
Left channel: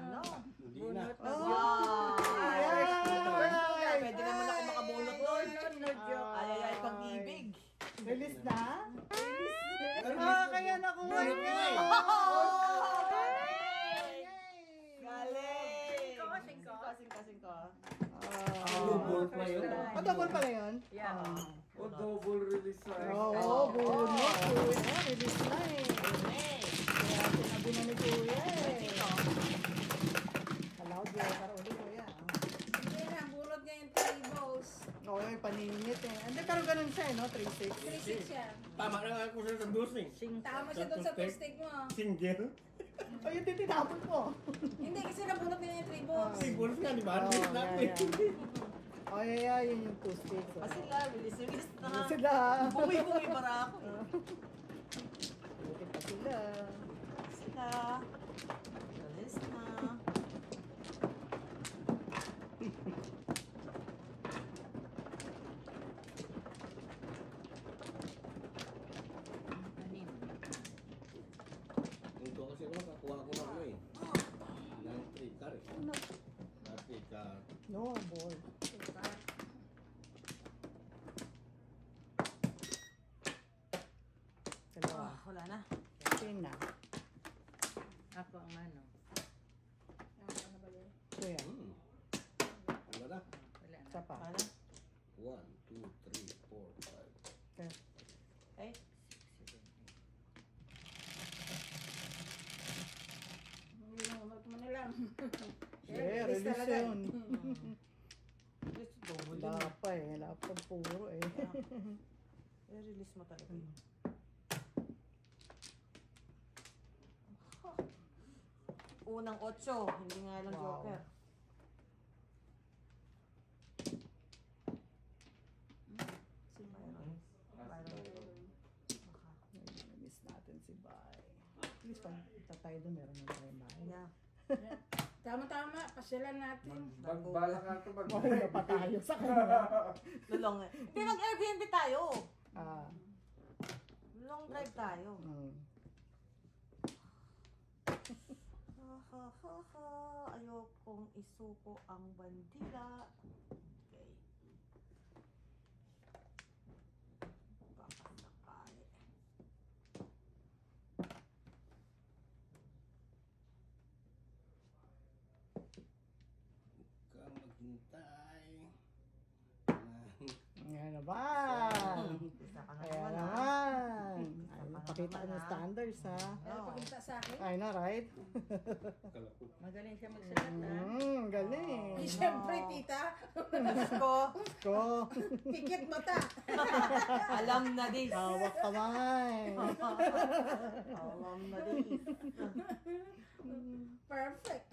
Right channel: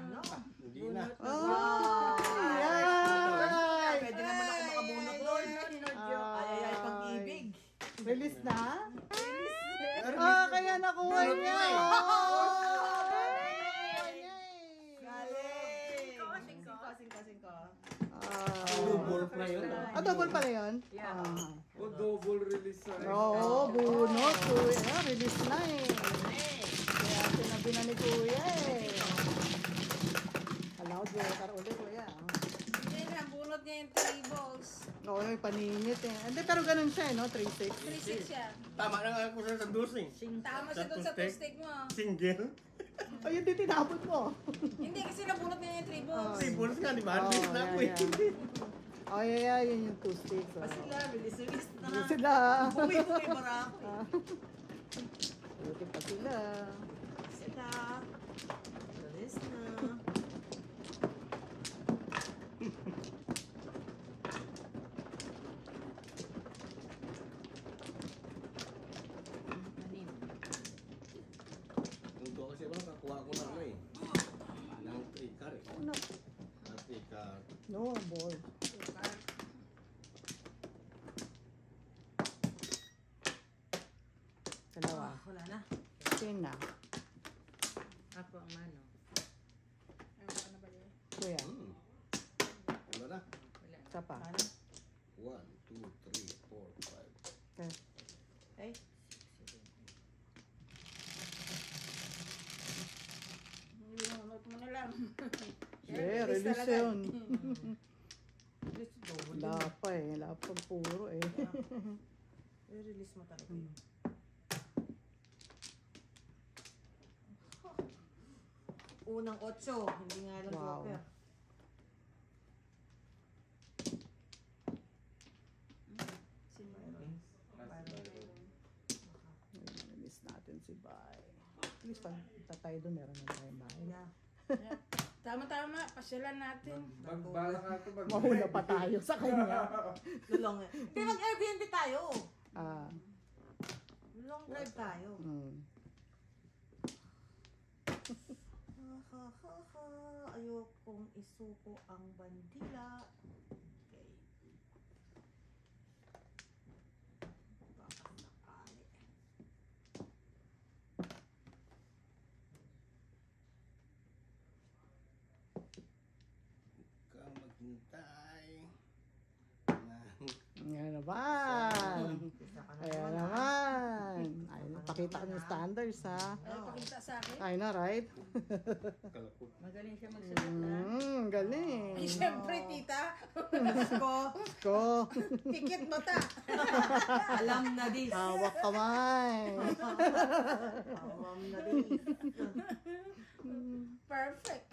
Pwede naman ako makabunot doon. Ay, pag-ibig. Release na? Kaya nakuha niya. Double pa yun. Double pala yun? Yeah. O double release sa Oo, bunot. Kuya, release na eh. Kaya sinabi na ni Kuya eh. 3-6. 3-6 yan. Tama na nga ako sa dosing. Tama siya doon sa two-stick mo. Single. Ayun, din tinapon ko. Hindi, kasi nabunot na yung 3 balls. Singles nga, di ba? Oh, Miss na ako yeah, eh. yeah. Oh, yeah, yun yung 2-6. Ah, sila, bilis-bilis na. Yun sila. Bumi-bumi para ako eh. Buti pa sila. Sila. Bilis na. Anim. Kung ko kasi lang, kakuha ko na ano eh. Yung 3 car eh. No, Dati ka. no more. Dalawa. Ah, wala na. Same na. Ako ang mano. Ano ba yun? So yan. Wala na. Wala na. Isa pa. 1, 2, 3, 4, 5. Okay. Ay, 6, 7, 8. Lumamot mo na lang. Yeah, Release release talaga. yun. release double Wala yun. pa eh. Wala pa puro eh. I-release mo talaga. Unang 8, hindi nga lang Wow. joker. Miss natin si Bay. At least pag tayo doon, meron na tayong bahay. Yeah. Tama-tama, pasyalan natin. Magbala ka ito, Mahula pa tayo sa kanya. Lulong eh. Pero mag-Airbnb tayo. Ah, Long drive tayo. Ayokong isuko ang bandila. Okay. Baka sakali. Kang maghintay. Yan naman. Isa ka na Ayan naman, naman. Ay, pakita ko yung standards ha. Ay, pakita sa akin. I know, right? Kalapot. Magaling siya magsulat ha. Galing. Ay, syempre, tita. Ko, Go. Pikit mata. alam na this. Hawak kamay. Alam na this. Perfect.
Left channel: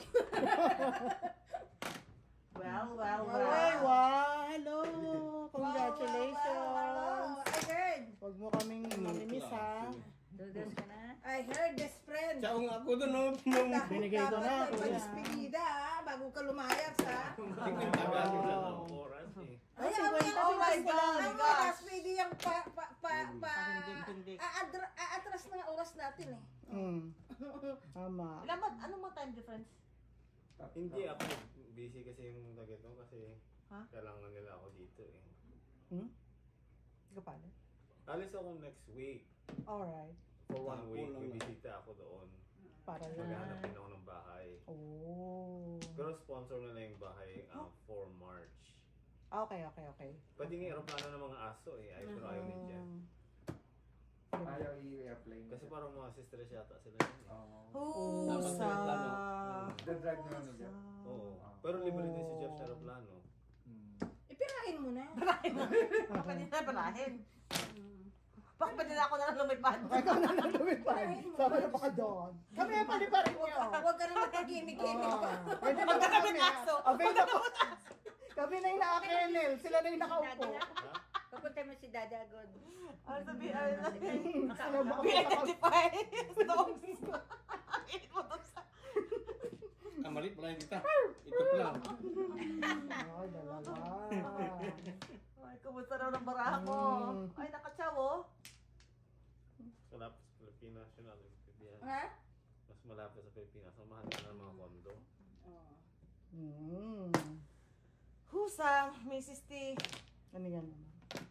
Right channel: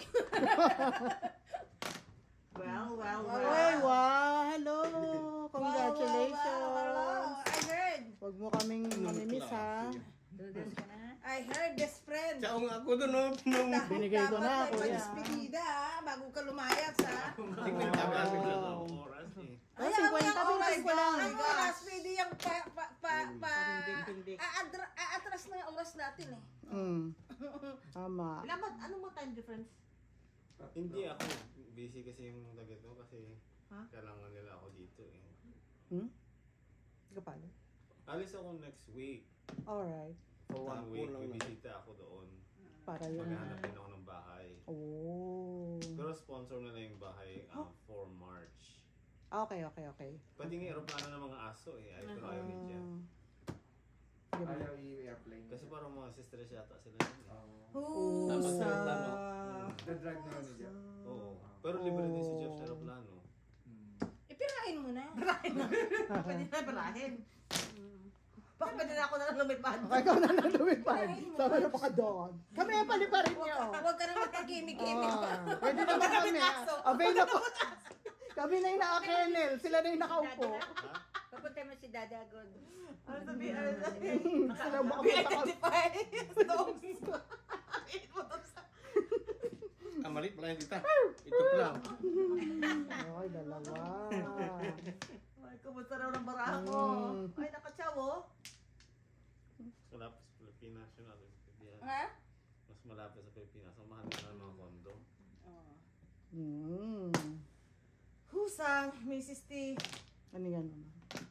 Well. Ay, wow. Hello. Congratulations. Wow. I heard. Huwag mo kaming minimiss ha. Dudas ka na. I heard this friend. Tsaka ako doon, no? Nung Binigay ko na, Dapat may kuya. pag-spedida bago ka lumayas ha. tingin ka ba ng oras eh. Ah, Ay, ang 50 oras minutes pa lang. Ang oras, pwede yung Pahindik-hindik. aatras na ang oras natin eh. Tama. Ano mo time difference? Hindi ako. Busy kasi yung target ko kasi Ha? kailangan nila ako dito eh. Hindi ka pala. Alis ako next week. Alright. For 1 week, Kulang na. bibisita ako doon. Para yun. Maghahanap din ako ng bahay. Oh. Pero sponsor nila yung bahay for March. Okay. Pwede nga aeroplano ng mga aso eh. Pero ayaw ni Jen. Ayaw i-apply. Kasi parang mga sisters yata sila yun eh. Husa. The-drag na kami dyan. Oo. Pero libre din si Jeff sa aeroplano. Ipirahin mo na. Pwede na balahin. Bakit pwede na ako na lang lumipad? Ikaw na nalumipad. Sama na pa ka doon. Kami ang paliparin niyo. Huwag ka na magkikimik-kimik. Pwede na kami. Available. Kami na yung naka-kennel. Sila na yung nakaupo. Ha? Papunta mo si Dada Agod. Ano sabihin? Ano Sila sabihin? bukas Identify. Dogs. Malit pala yung tita. Ito lang. Ay, dalawa. Ay, kumusta raw ng baraha ko? Ay, nakatsaw oh. Mas malapit sa Pilipinas yun natin. Ha? Mas malapit sa Pilipinas. Ang mahal na ng mga kondo. Husang, Mrs. T. Ano yan?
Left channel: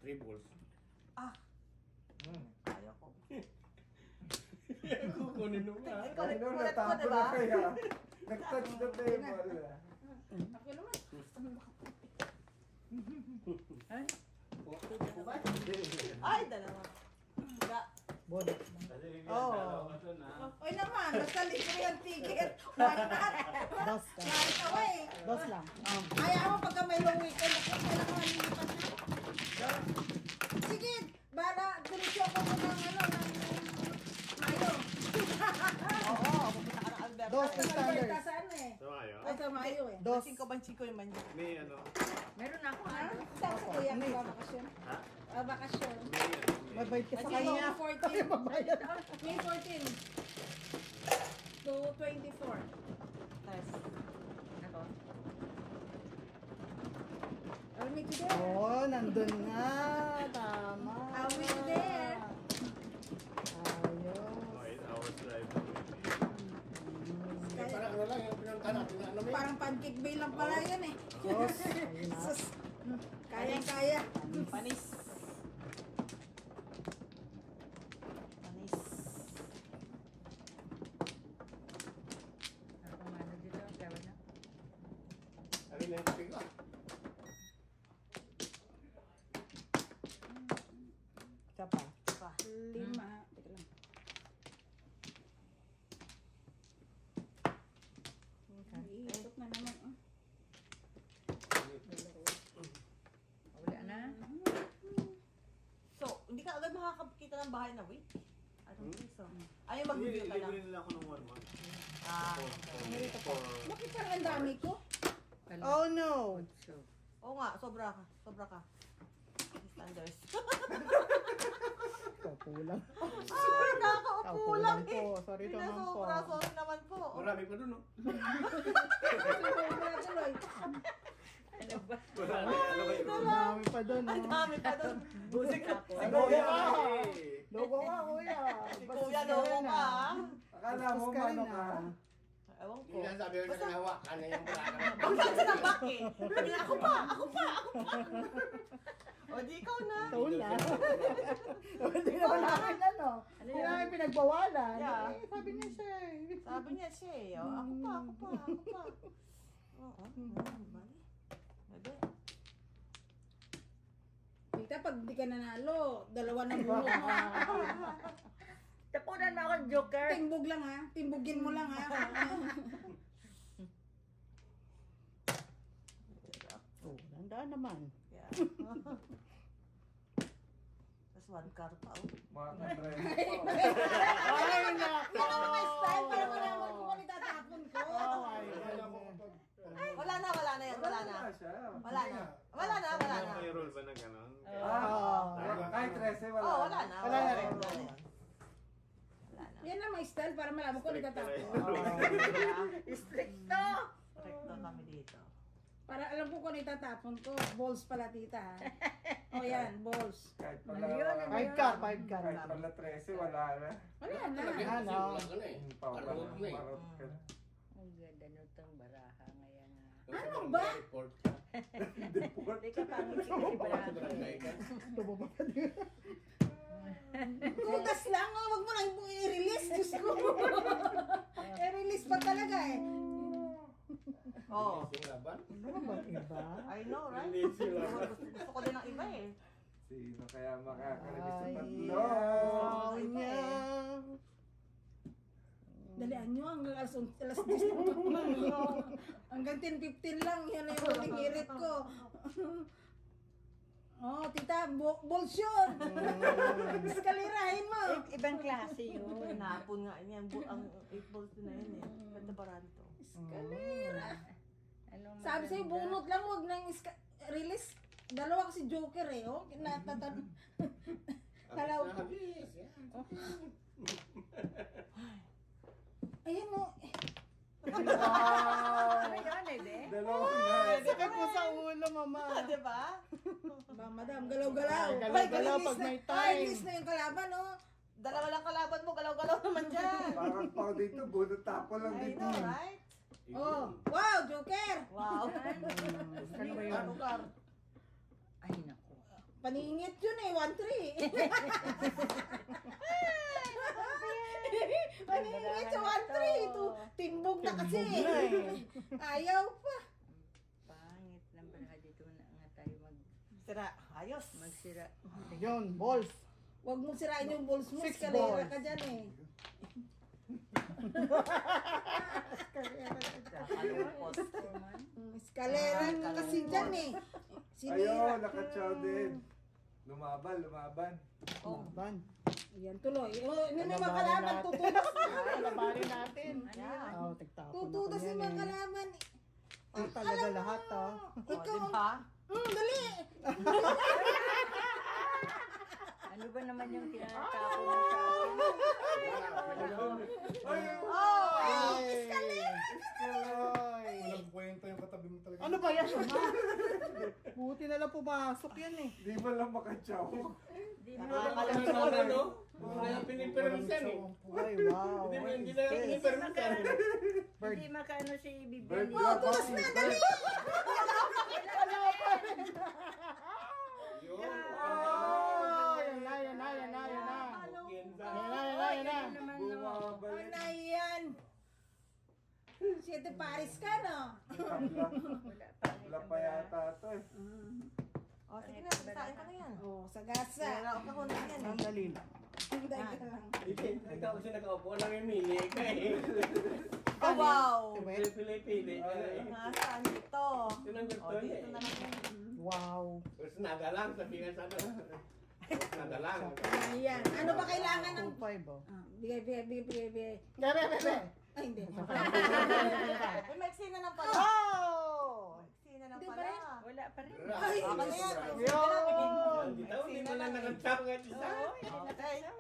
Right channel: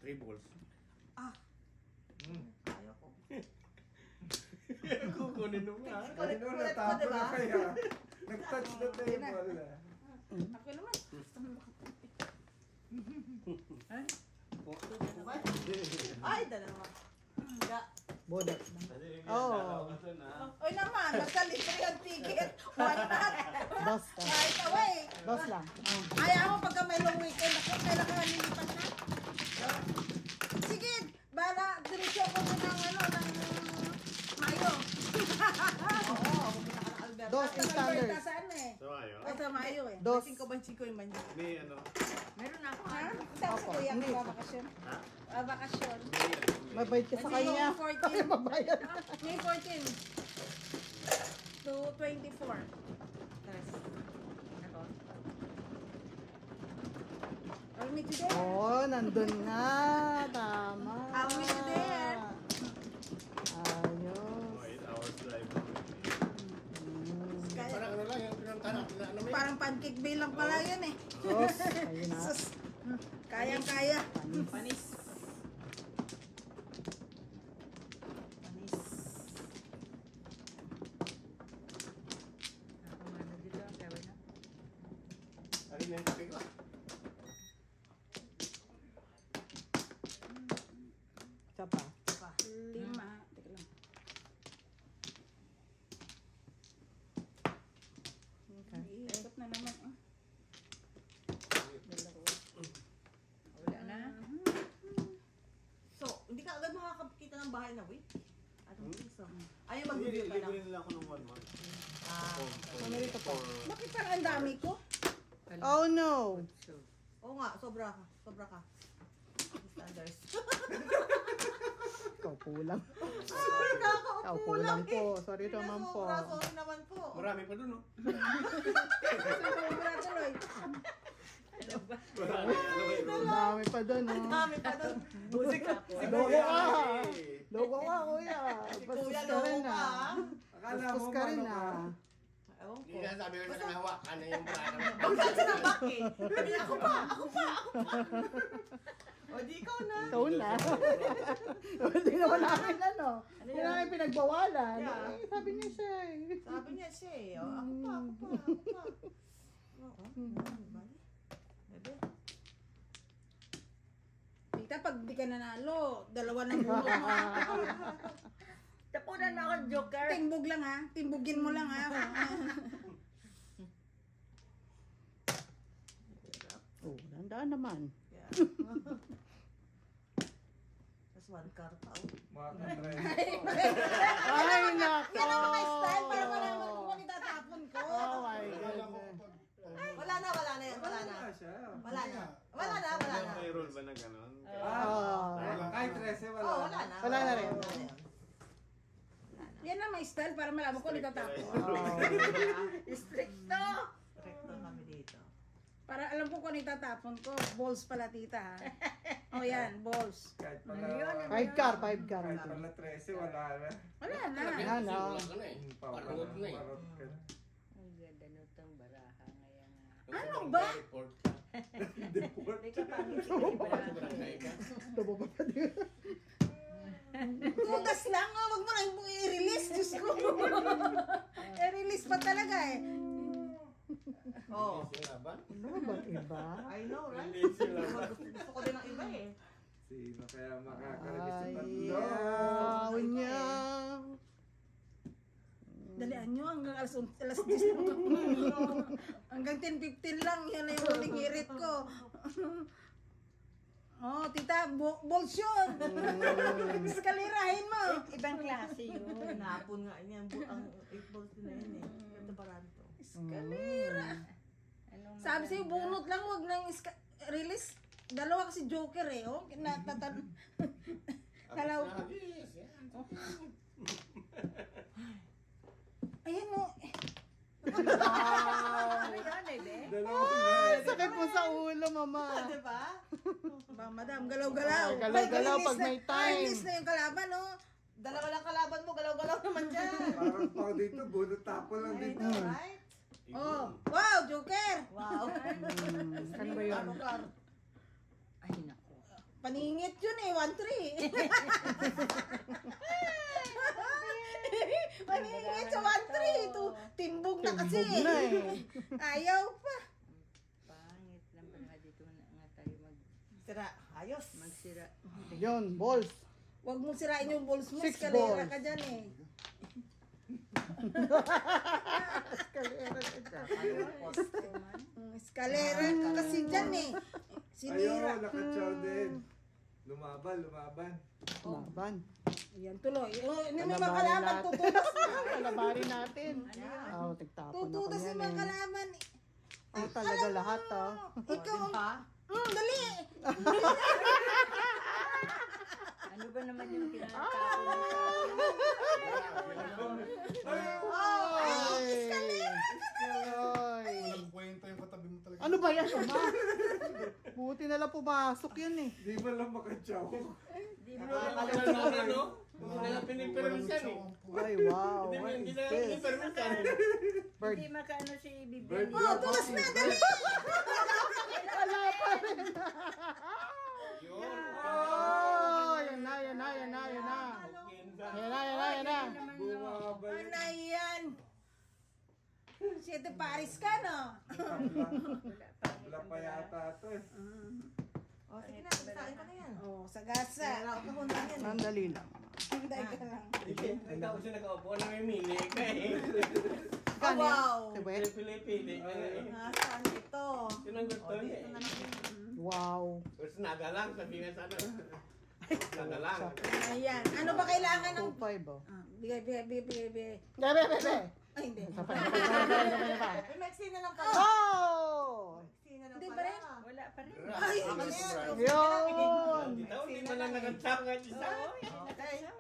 3 balls. Ayoko. Kukunin mo nga. Kanino Kulit ko, natapon diba? na kaya? Nag-touch the table ah. Ako naman. Ay, dalawa. Higa. Boda. Oy naman, basta libre ang ticket. Why not? Basta. Right away. Bas lang. Ayaw mo pagka may long weekend, ako kailangan nilipat na. Sige, ko sa Mayo eh. Dos. 5 yung manyo. May ano, Meron ako. Ha? Saan sa kuya ko ba bakasyon? ha? Bakasyon. May ano, may... Mabait ka sa kanya. May 14. Mabayad. May 14. To 24. Ako. Or Mickey there. Oh, nandun na. Tama. Are we there? Ayos. 8 hours drive. Parang ano lang, yung pinunta natin na ano may. Parang pancake bay lang pala yan eh. Sos. Ayun na. Sus. Kayang-kaya. Panis. Ako mano dito. Kaya na. Ano yung kape ko? Isa pa. Lima. Teka lang. Iikot na naman. Oh. Wala na. So, hindi ka agad makakakita ng bahay na wait. Ano piso? Ayaw Hindi, mag-video ka lang. libre nila ako ng 1 month. Ah, For Bakit parang ang dami ko? Oh no. So, oo nga, sobra ka. Sobra ka. Standards. Ikaw kulang. Ah, nakakaupo Ikaw kulang lang po. eh. Sorry Hindi, naman po. sobra, sorry naman po. Marami pa dun, no? Wala tuloy. ano ba? Marami, ano ba yun? Ang dami pa doon, Ang oh. dami pa doon. Busik ako. Logo ka. Eh. Logo ka, kuya. Si Bastos Kuya ka loko rin, ka. ah. Akala mo Bastos ka rin, mano ka. ah. Ewan ko. Hindi nga sabi ko sa kanila, hawakan na yung baraka. Bakit sila bakit? Sabi niya, ako pa. O di ikaw na. Ikaw na. Hindi naman namin, ano. Ano Hindi yan? namin pinagbawalan. Yeah. Eh, sabi niya siya eh. Sabi niya siya eh. O, ako pa. Oo. Bebe. Tita, pag di ka nanalo, dalawa na bunot mo. Tapunan na ako, Joker. Timbog lang ha. Timbugin mo lang ha. Oh, dandaan naman. Yeah. Tapos 1 car pa. Oh. Mga kadrive. Ay, nako. Yan ang mga style para malaman kung ano itatapon ko. Oh my Akala ko, God. Wala na yan. Wala na. siya. Wala na. Wala na. May rule ba na gano'n? Kahit 13 wala. Oh, wala na. Wala na rin. Yan ang mga style para malaman kung ano itatapon. Stricto. Rekto kami dito. Para alam ko kung ano itatapon ko. Balls pala tita ha. O yan, balls. Kahit pala. Ano yun? 5 car, 5 car. Kahit pala 13 wala na. Wala na. Wala na. Wala na eh. Parang na eh. Parot ka na. Ang ganda nitong baraha ngayon. Ano ba? Report. Hindi ka pangit si Baraha. Tubo pa pa din. Tugas lang oh. Wag mo na i-release. Diyos ko. I-release pa talaga eh. Oh. Sinaban? Ano ba iba? I know, right? Hindi sila. Gusto ko din ng iba eh. Sino kaya makakarabi sa Ay, tatlo? niya. Dalian nyo hanggang alas 10 na. Hanggang 10:15 lang. Yan na yung huling hirit ko. Oh, tita, balls yun. Eskalirahin mo. Ibang klase yun. Hinapon nga niya. Ang 8 balls na yun eh. Ganda parang to. Eskalira. Anong Sabi sa'yo, maganda? bunot lang. Huwag nang release. Dalawa kasi joker eh. Oh. Natatan. Dalaw. Nahagis. Ayan mo. Ano yun, eh, Dalawa na. Sakit po sa ulo, mama. Diba? Ba, madam, galaw-galaw. Ay, galaw-galaw Ay, pag release may na- time. Ay, release na yung kalaban, oh. Dalawa lang kalaban mo. Galaw-galaw naman dyan. Parang pang dito, bunot tapo lang I dito. know, right? Oh, wow, joker. Wow. Ano ba yun? Ano ka? Ay, naku. Paningit yun eh, 1-3. Paningit sa 1-3. Timbog na kasi. Timbog na eh. Ayaw pa. Pangit lang pala dito na nga tayo Sira. Ayos. magsira. Yun, balls. Huwag mo sirain yung balls mo. 6 Eskalera balls. ka dyan eh. Eskalera ka kasi dyan eh. Sinira. Ayun, nakachow din. Lumaban. Laban. Ayan, tuloy. Oh, hindi mo Labarin makalaban. natin. Tutudas na. Labarin natin. Ano yun? Oh, tigtapon na Tutudas kami yung yan mga eh. kalaban. ba yan, mama? Buti na lang pumasok yan eh. Di ba lang makatsaw? Di mo Wala na ka na naman, no? Wala pinipermisan eh. Ay, wow. Hindi na pinipermisan. Hindi makaano si Bird Bibian. Oh, tulas na, dali! Yun. Oh, yan na, yan na, yan na, yan na. Yan na, yan na, yan na. Naman no. Bumabalik. Ano yan? Siete Paris ka, no? Wala pa yata ito eh. O, sige na, sasain ka na yan. Oh, sa gasa. Kaya ako kahon lang yan eh. Sandali lang. Hinday ka lang. Hindi ako siya nakaupo, namimili ka eh. Oh, wow! Pili-pili ka eh. Nasaan ito? Yun ang gusto niya eh. Wow. Tapos nada lang, sabihin sana. Nada lang. Ayan. Ano ba kailangan ng... 2.5 oh. Bigay. Gabi, gabi. Ay, hindi. May maxi na lang pala. Oh! Maxi na lang Hindi ba pala. rin? Wala pa rin. Ay, Ako na Yun! Hindi mo na nakatap kahit isa.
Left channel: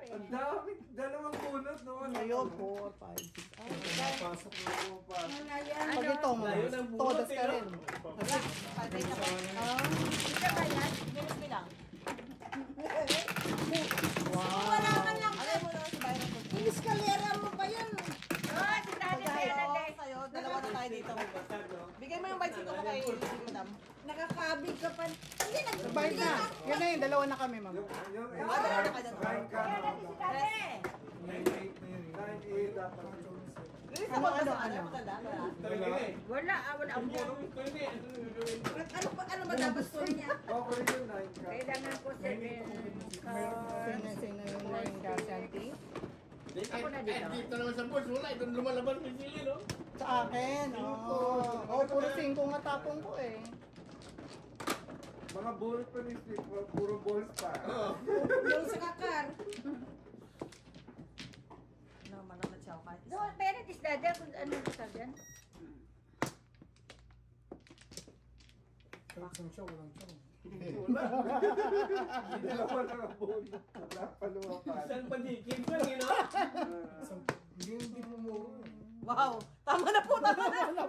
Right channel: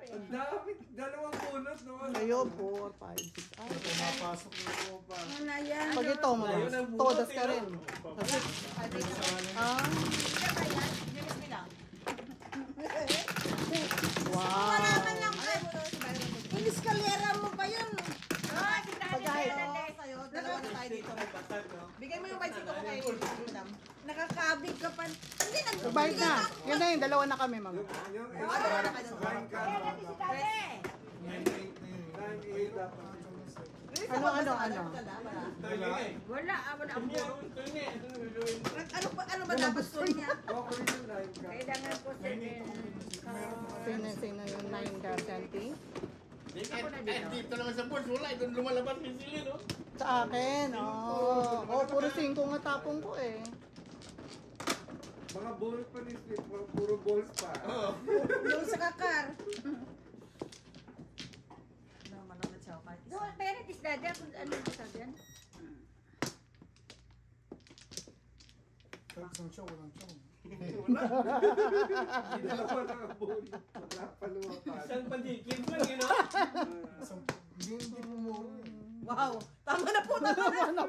Ang dami. Dalawang bunot no? Ngayon, 4, 5, 6. Ay, Pumapasok na. ano na yan? pag ito, Layo ng bunot, todas ka eh, rin. Ito ba yan? Minus mo lang. Wala ka niyang... Ilis kalera mo pa yun. Oh, si Daddy Bernard eh. Sa'yo, dalawa na tayo dito. Basag, no? Bigay mo yung bicycle mo kay Ulam. Nakakabig ka pa. Hindi, Bait na. Yan na yun, dalawa na kami, ma'am. Yung Ah, kain ka. Kaya natin si Daddy. 98 dapat. Ano? Ito yun eh. Wala, wala ang puro. Ito yun eh. Ano ba dapat ko niya? Okay yun, 9 ka. Kailangan ko 7. Sino yung 9 ka, Santi? Ako na dito. Dito naman sa board, wala. Doon lumalabas may sili, no? Sa akin, oh. Oh, puro 5 nga tapong ko eh. Mga balls pa ni Steve, puro balls pa. Oo. Yung sa kakar. Naman na siya. Kahit No, pero is Daddy, kung ano sa dyan? Dalawa na ang bunot. Wala pa lumapad. Isang padikin pa rin, no? wow! Tama na po! Tama na! Ano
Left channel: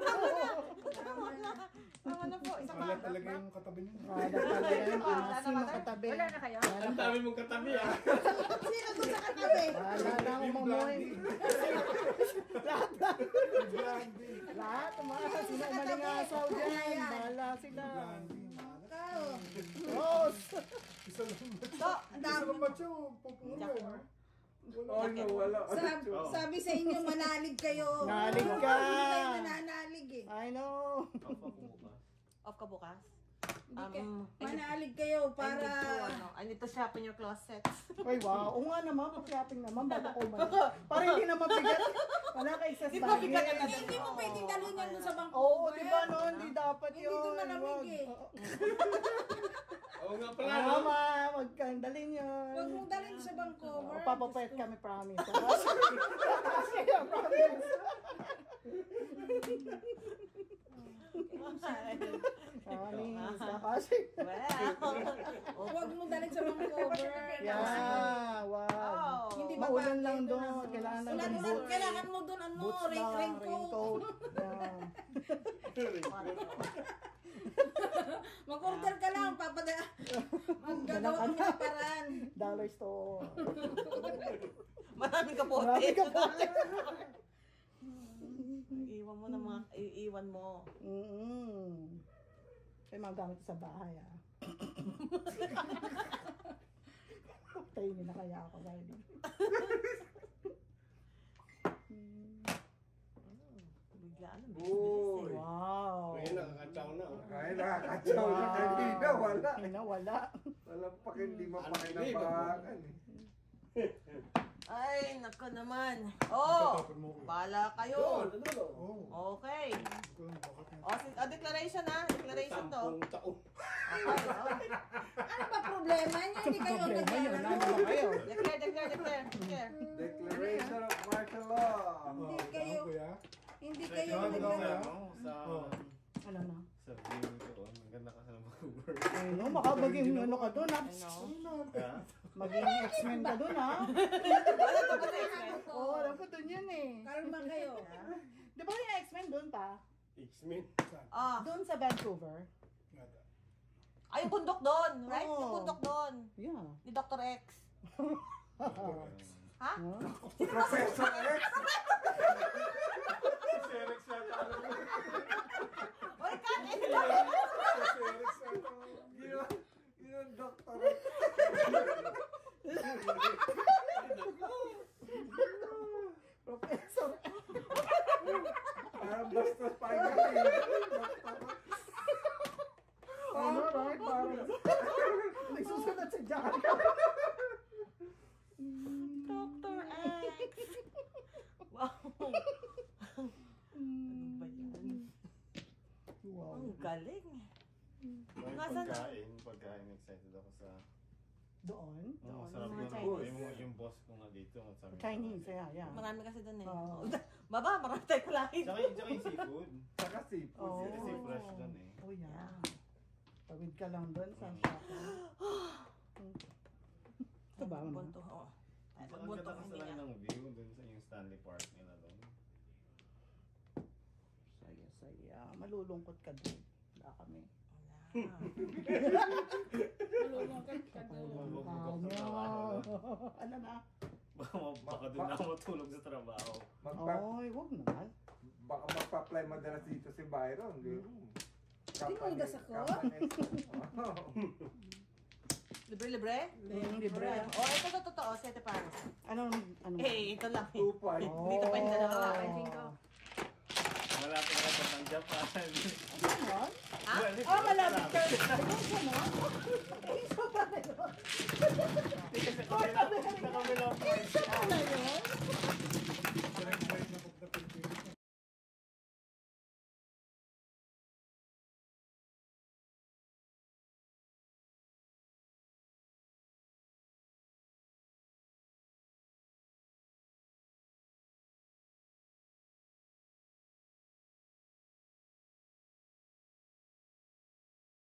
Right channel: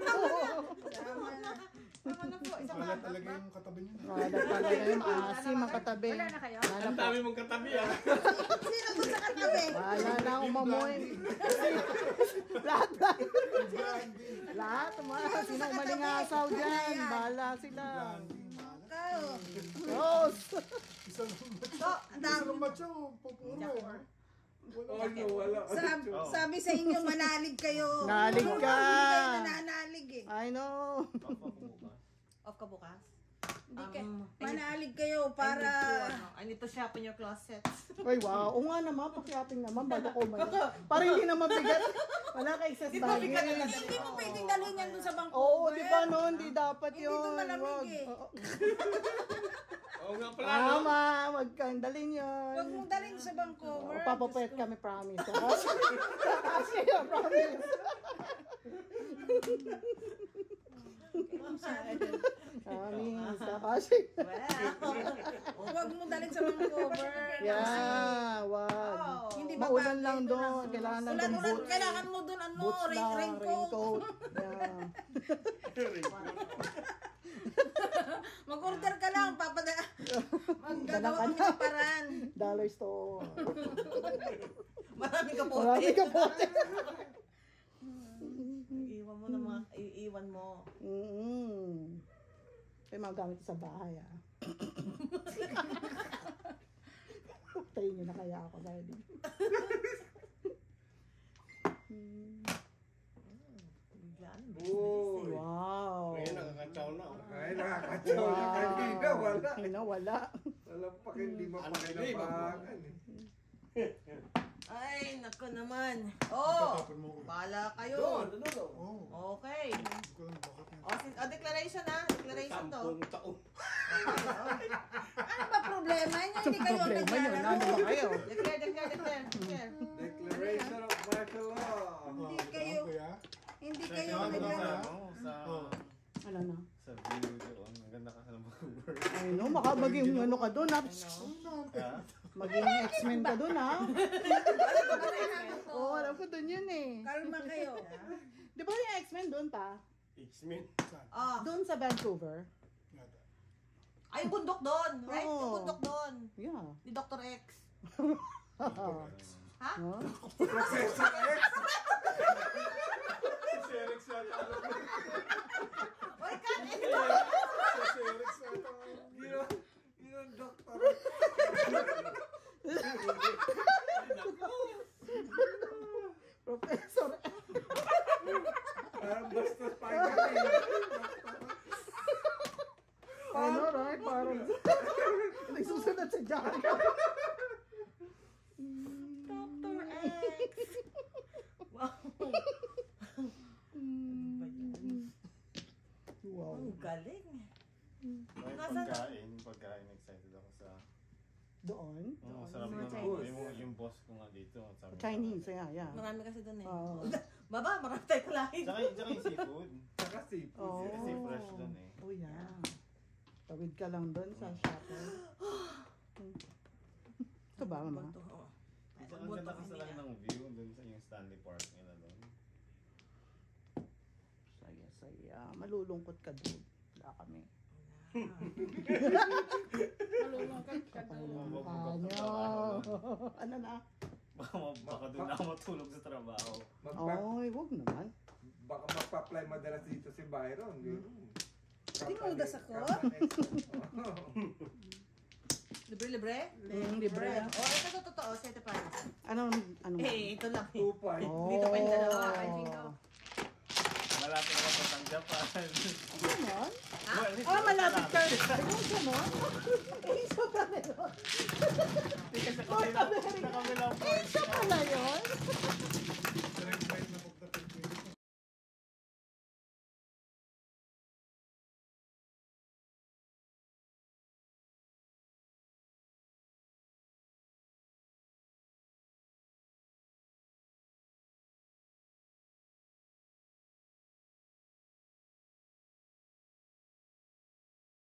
po? Tama na po! Isang Wala talaga yung katabi niya. Kada pala yan, asim ang katabi. Wala na kayo? Ang dami mong katabi, ah. Sino doon sa katabi? Wala na umamoy. Lahat, mga sino umaling asaw dyan. Bahala sila. Kao. Diyos! Ang dami. Oh no, wala. Sabi sa inyo, manalig kayo. Nalig ka. Hindi kayo nananalig eh. I know. off ka bukas? Hindi manalig kayo para... I need to shop in your closet. Ay, wow. O nga naman, pakiaping naman, bago ko man. Para hindi naman bigat. Wala ka excess Di ba bigat na baggage. Hindi mo pwedeng dalhin yan doon sa bangko. Oo, di ba no? Hindi dapat Hindi yun. doon malamig Wag. eh. Oo. Oo nga pala, no? Tama, wag kang dalhin yun. Huwag mong dalhin sa bangko. O, papapayat kami, promise. Kasi, promise. Promise. Kasi, Huwag mong dalhin sa bangko. yeah, wag. Hindi ba Maulan lang doon. Kailangan lang ng Ulan, boots. kailangan mo doon ano, Boots lang, raincoat. Yeah. Mag-order ka lang, maggagawa kami ng paraan. Dollar store. Marami ka po. Marami ka po. Iiwan mo na mga, iiwan mo. Kaya magamit sa bahay ah. Tayo niyo na kaya ako ready. Biglaan. Uy. Wow. Ngayon, nakakatsaw na, oh. Ay, nakakatsaw na kanina. Wala. Ano, wala. Walang hindi mapakinabangan eh. Ay, nako naman. Oh, pala kayo. Doon, dulo. Okay. Declaration ha. Declaration to. 10 taon. Ano ba problema niya? Hindi kayo Problema yun. naglalaro. Nandun kayo. Declare. Declaration of martial law. Hindi kayo Ano naglalaro. Sa... Ano na? Sa view ko, maganda ka sa mag-over. Ay no, baka maging ano ka doon ha. Maging X-Men ka doon ha. Oo, alam ko doon yun eh. Kalma kayo. Di ba yung X-Men doon pa? X-Men. Ah, Doon sa Vancouver. ay, yung bundok doon. Right? Yung Oo. bundok doon. Yeah. Ni Dr. X. Ha? Huh? Professor X! Serex yata. Oy, Kat! Serex yata. Yun ang doktor. Professor. Parang bastos pa yung galing. Ano, right? Parang may susunod sa John. Dr. X. Wow. Wow. Ang galing. May Nasaan na? pagkain, excited ako sa... Doon? Oo, Doon, sabi yung ng Chinese. yung boss ko nga dito. Sabi ko, Chinese, yeah. Marami kasi doon eh. Oo. Baba, marami tayong lahat. Tsaka yung seafood. Saka seafood. Oh. Kasi fresh doon eh. Oh, yeah. Tawid ka lang doon sa shopping. Ito ba, mama? Bunto, oo. Ay, Ang magbunto ganda kami kasi na. ng view doon sa yung Stanley Park nila doon. Saya. Malulungkot ka doon. Wala kami. Malulungkot ka doon. Ano? Ano na? Baka doon na ako matulog sa trabaho. Ay, wag naman. Baka magpa-apply madalas dito si Byron. Tinudas ako? Libre-libre? Libre. Oh, ito totoo. Sete pares. Ano? Eh, ito lang eh. 2.5. Dito pa yung dalawa. Ay, jingo. Malapit ako sa Japan. Ano yan? Oh, malapit ka. Eh, so ka na yun. Kasi kami lang